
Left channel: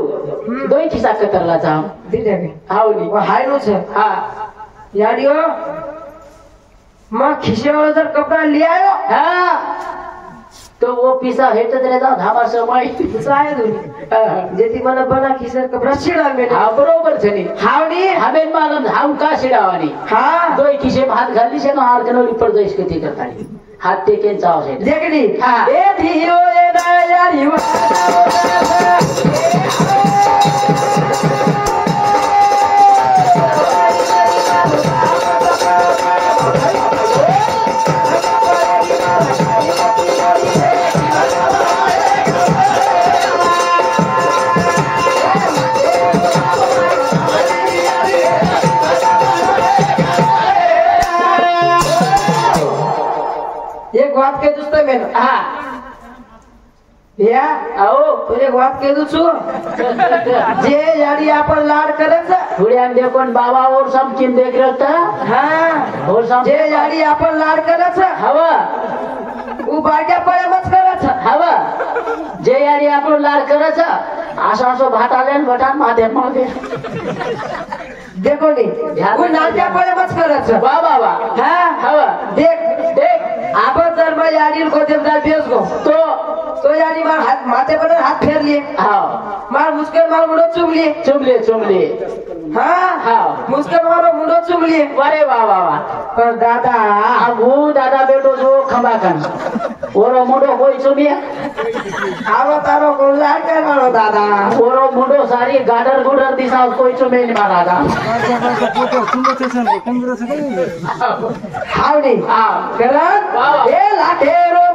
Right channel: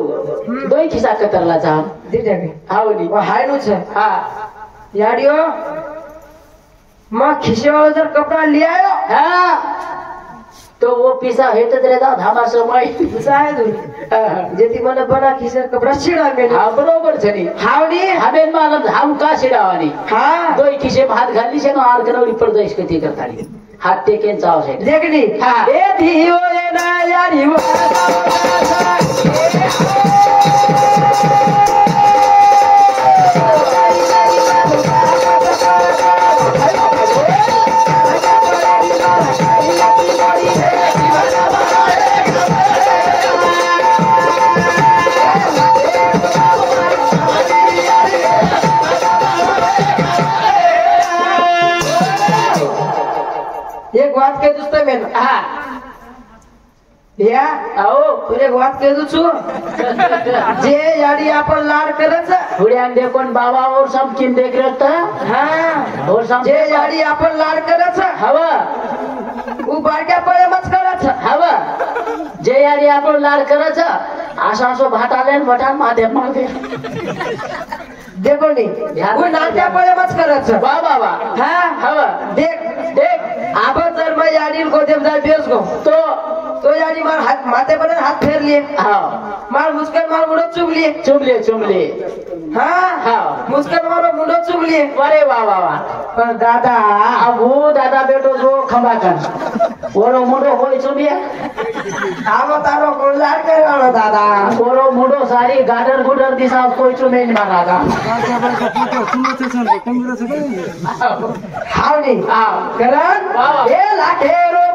दोई खिसा कतरला चा दे दे आवडी हाय नो छ हा याडियो मां खिसे वाला जर कपड़ा ले आयो हा तो वो पिसा हेतत रहता हमार समाई जाय दो जेती मना बना खिसे कपड़ा सीड़ा में हा बरोबर छनी हावडी हमें मालम हम का शिरावानी हा दोई खिसे भात घालली से हाड कनवली पडदो इसके ती करताली हात टेकेन चाव से देखली हा. ए धियो ए ना याडी एक बात के दोस्तों में हा या आओ एक बात के दू जे याडी आपण लाड करत हुड्यान देखोन बाबा और सब किन देख रखता हा और सब जे याडी आपण लाड करत हवा उ बारक्या पळे मत करत हवा जे यारी आपण लाड करत आशा असो भात आले भटान माथे मागे देखो नी उ नाट्या पळे मत करत वा वा वा हा हवा देख देख आपण जर मग याडी गोदेव जाय बेस गो तो याडी मार हात माथे पर हात फेरली मार मुस्कन मार मुडो चुमली हाँ मुस्कन मारो मुडो चुमली अरे वाह वाह वाह पर दादा वो दादा बेटो जो खंबाकन ओरो मुडो होई चुमिया आवो तारो गोला करो दादा ओरो मुडो सारी गार्डन गुडर दिशा कोई चुमेल मारा था हावनी करण ए लाठेरो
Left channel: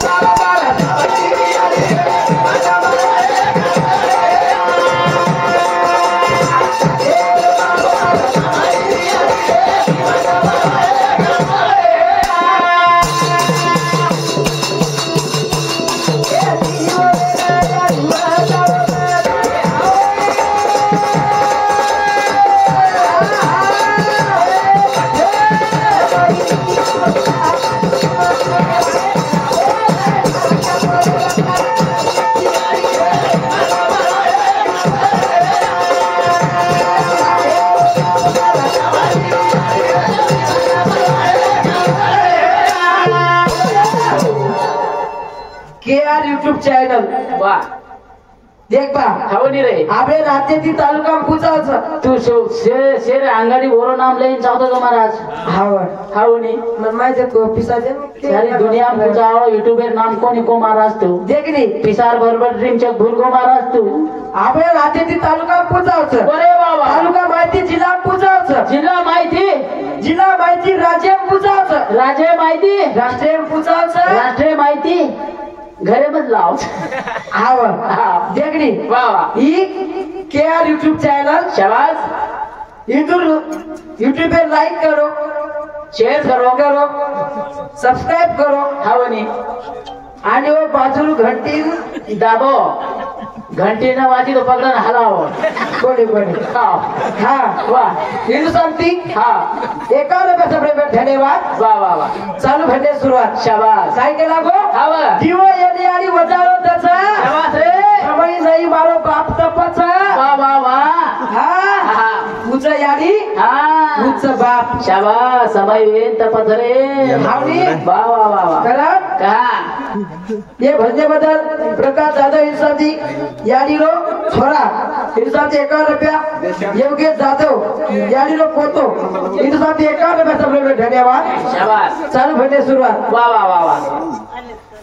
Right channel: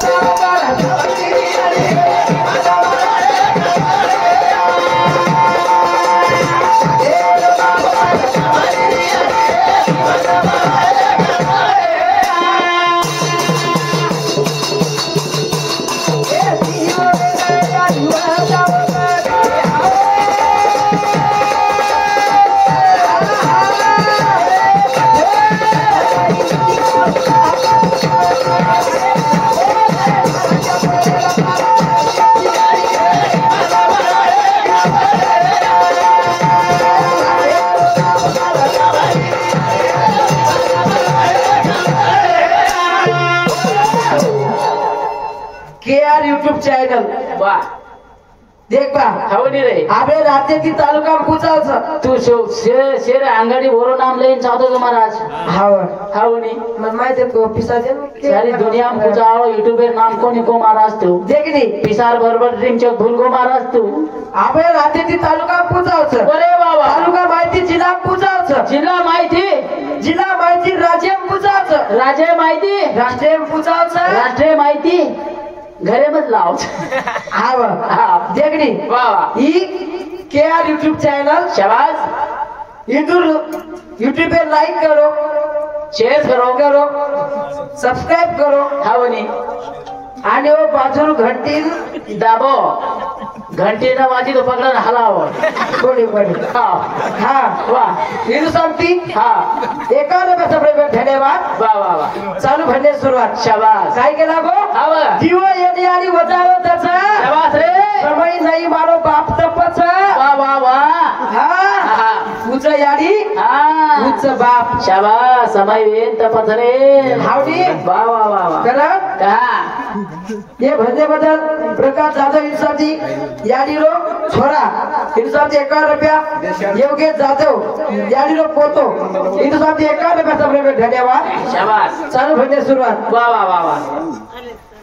यूट्यूब चॅनल वाह देख बा हवनी रे आपले रात्याची तालुका पुचावचं तू शेर अंगाडी बोरो नाम लेन चाहतो का महाराज हावर हवनी मन माहिती तो पिसाचे सारी दुनिया पुचावो यूट्यूबर नाम कोणी को महाराज तू देख नी पिसार बरोबर ड्रीमचक भूल को महाराज तू आपल्या रात्याची तालुका पुचावचं अरे बाबा तालुका माहिती जिल्हा पुचावचं जिल्हा माहिती राज्य पुचावचं राज्य माहिती राष्ट्रीय पुचावचं राष्ट्रीय माहिती घरे मत लाव हावर देखनी वाह ई केआर यूट्यूब चैनल शाबाश इधर यूट्यूब पे लाइक करो शेयर करो सब्सक्राइब करो हवनी आणि वो बाजू घंटी दाबो घंटी न वाजी तो पकडून हलाव कोणी हा वाह हिंदू सांगती हा 51 रुपये धन्यवाद वाह वाह वाह चालू भरणे सुरुवात शाबास काय केला गो हव दिवा येणे आणि वजावं त्याचा शाबास रे समय नाही मारो बाप तपच वाह वाह वाह हा उच याडी हा उच बाप शाबास समय येन तपत रे हावनी वाह वाह वाह वाह करत का ये भंजे बदल प्रकाश दादा हिरसादी याडीरो छोरा हिरसादी 51 रुपया योगेश जाधव याडीरो पोतो हिरसादी 51 रुपया सब धन्यवाद शाबास चालू भरणे सुरुवात वाह वाह वाह वाह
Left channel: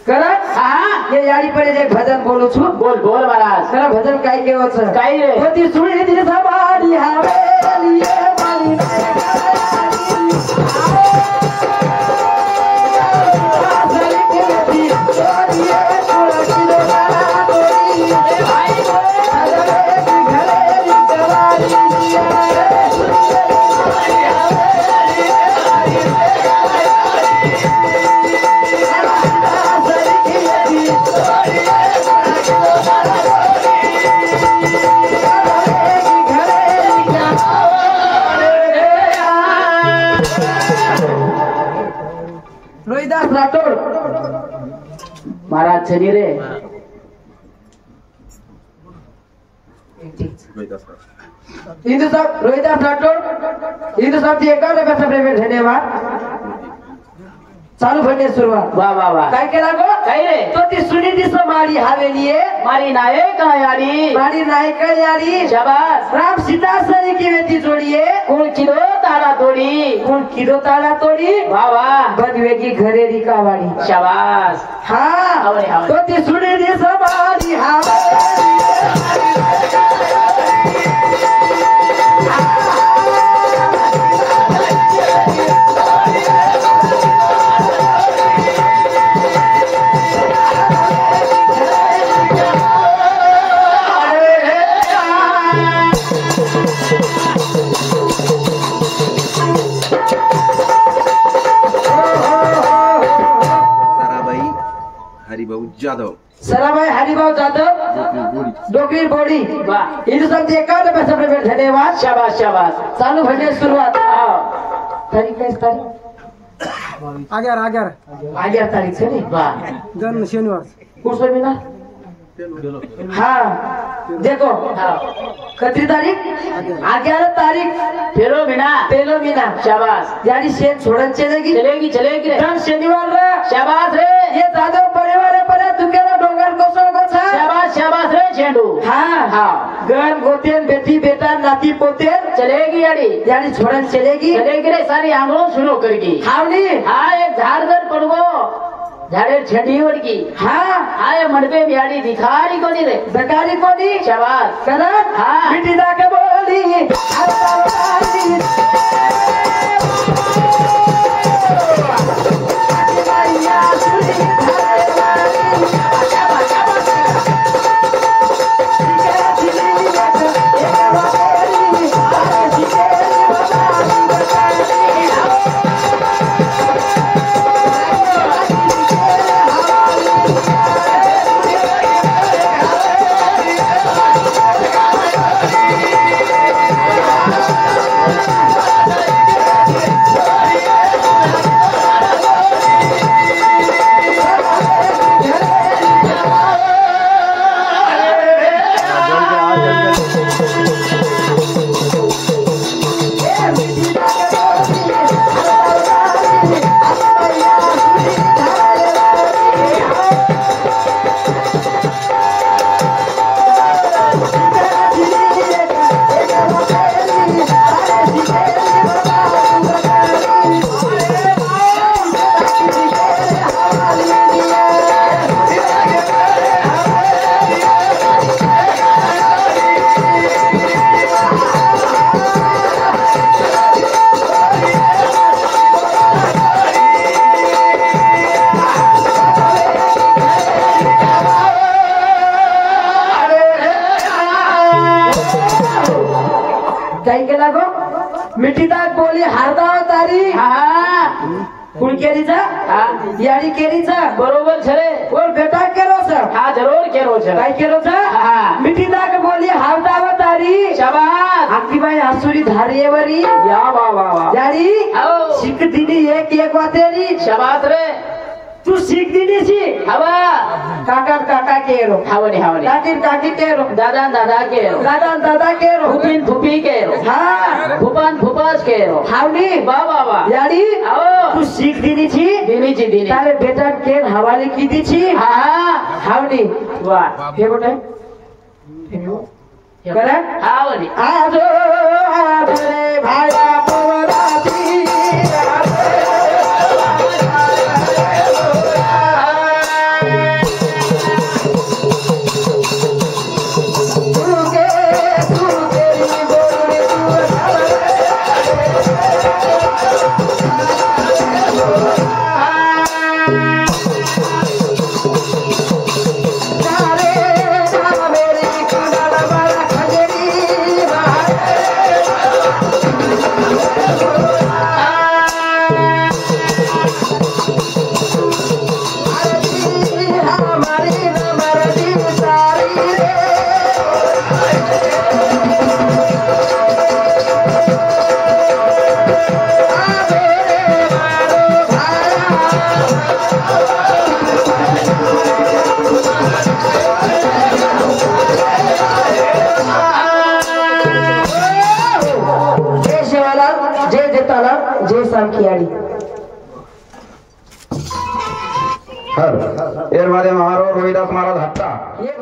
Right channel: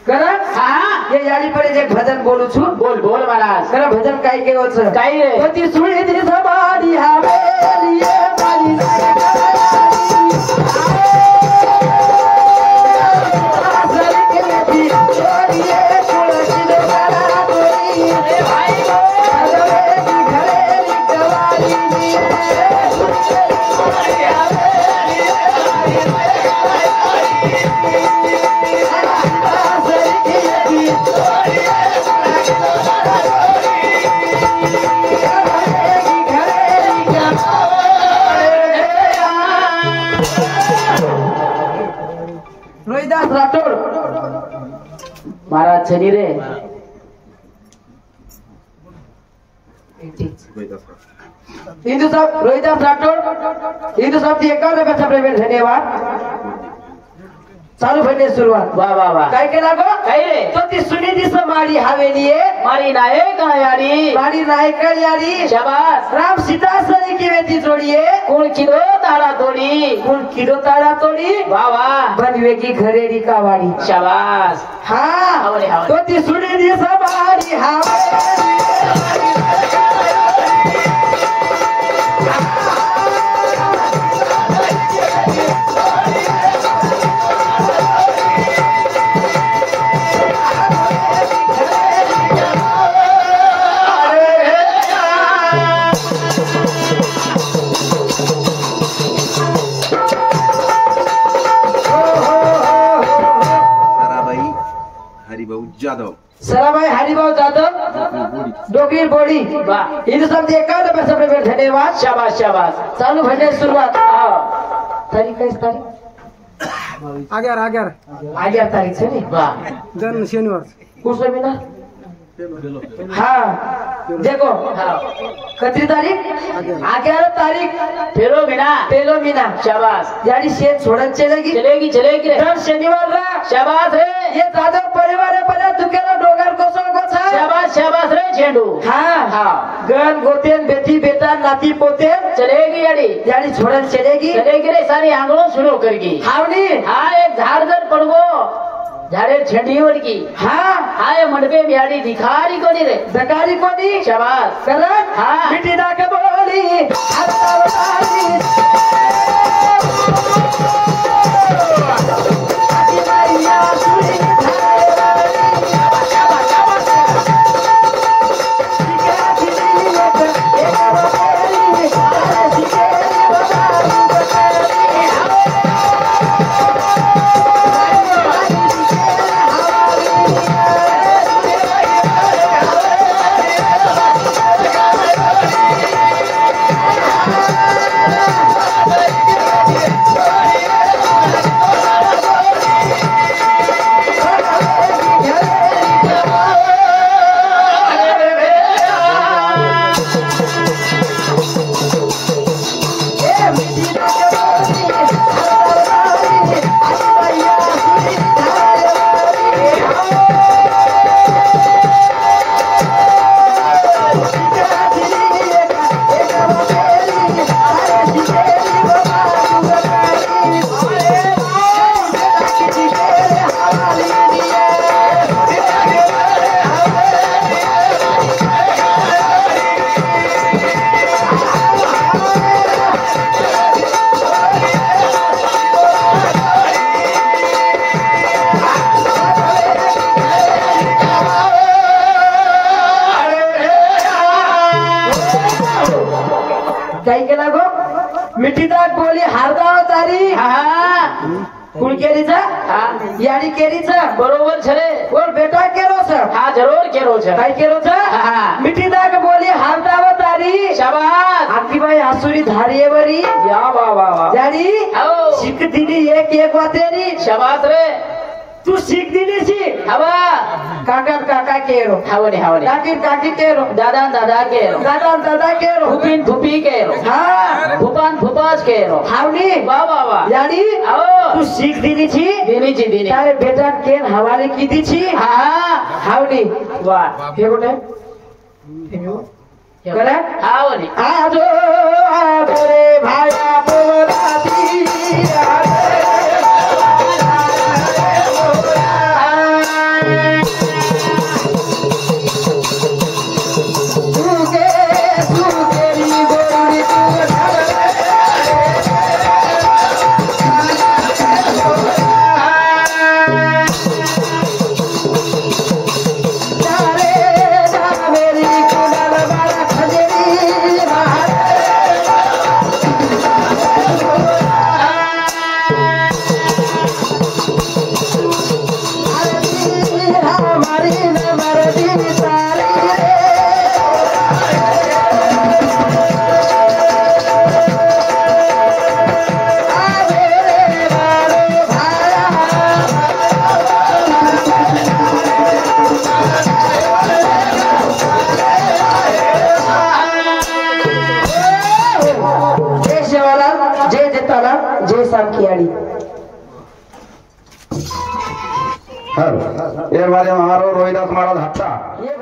करत हा ये याडी पर एक भजन बोलू छु बोल महाराज खरं भजन काय केवचं काय रे होती सुळी ती समाडी हवेली ये मारी रोहिदास राठोड महाराज छनी रे हिंदू साहब रोहिदास राठोड हिंदू साहब 51 रुपया सब धन्यवाद चालू भरणे सुरुवात वाह वाह वाह काय केला गो काय रे तो ती सुनी दिस माडी हवेली मारी नायक यारी माडी नायक याडी शाबास राम सीता सरी केवेती जोडीये कोण किलो ताळा तोडी कोण किडो ताळा तोडी वाह वाह बनवे की घरे रिकावाडी शाबास हा आवरे, आवरे. तो ती सुनी दिस माडी हवेली हरिभाऊ जाधव सराभाई हरिभाऊ जाधव डोकरी बोडी वाह हिंदू साहब 51 रुपया सब धन्यवाद शाबास शाबास चालू भरणे सुरुवात हा तारीख काय तारीख 11 11 तारीख छे नी वाह जन्म शनिवार कुठं सेमिनार हाँ देखो कितनी तारीख 11 तारीख फेरो बिना पेलो मीना शाबाश यानी शेत छोड़न चलेगी चलेगी चलेगी रे दर शनिवार रा शाबाश रे ये जादव परिवार है पर दुकेला डोंगर कोसो कोसा शाबाश शाबाश रे झेंडू हाँ हाँ गन गोतेन बेटी बेटा नाती पोतेन चलेगी यानी छोड़न चलेगी रे सारी आंगलों सुनो करगी हावनी हाँ एक झाड़ जर पड़गो झाड़े झेंडीवर की हाँ हाय मंडपे बिहाड़ी दिखारी कोनी रे दकारी कोनी शाबाश करन हाँ बेटी ना के बोली हरतावाली काही केला गो मिठी दाग बोली हारदा तारी कुणकेरीचा यानी केरीचा बरोबर छले बोल बेटा केरो छ हाँ जरूर केरो छ काय केरो छ मिठी दाग बोली हारदा तारी शाबाश आखी बाई हसुरी धारीवरी या वाह वाह वाह यानी शिक दिनी एक वातेरी शाबाश रे तू शिक दिनी सी हवा काका काका केरो हावनी हावनी काकी काकी केरो दादा दादा केरो दादा दादा केरो फुपीन फुपी केरो हाँ फुपान फुपास केरो हावनी वाह वाह वाह यानी तू शिक दिनी सी दिनी ची दिनी तारे बेटा केर हवाले की दी छी हाँ हावनी वाह हे बोटे करे हावनी आजो रे भाया पवराती जय सांखियाड़ी हर ये मारे महारो रोहिदास महाराज हट्टा ये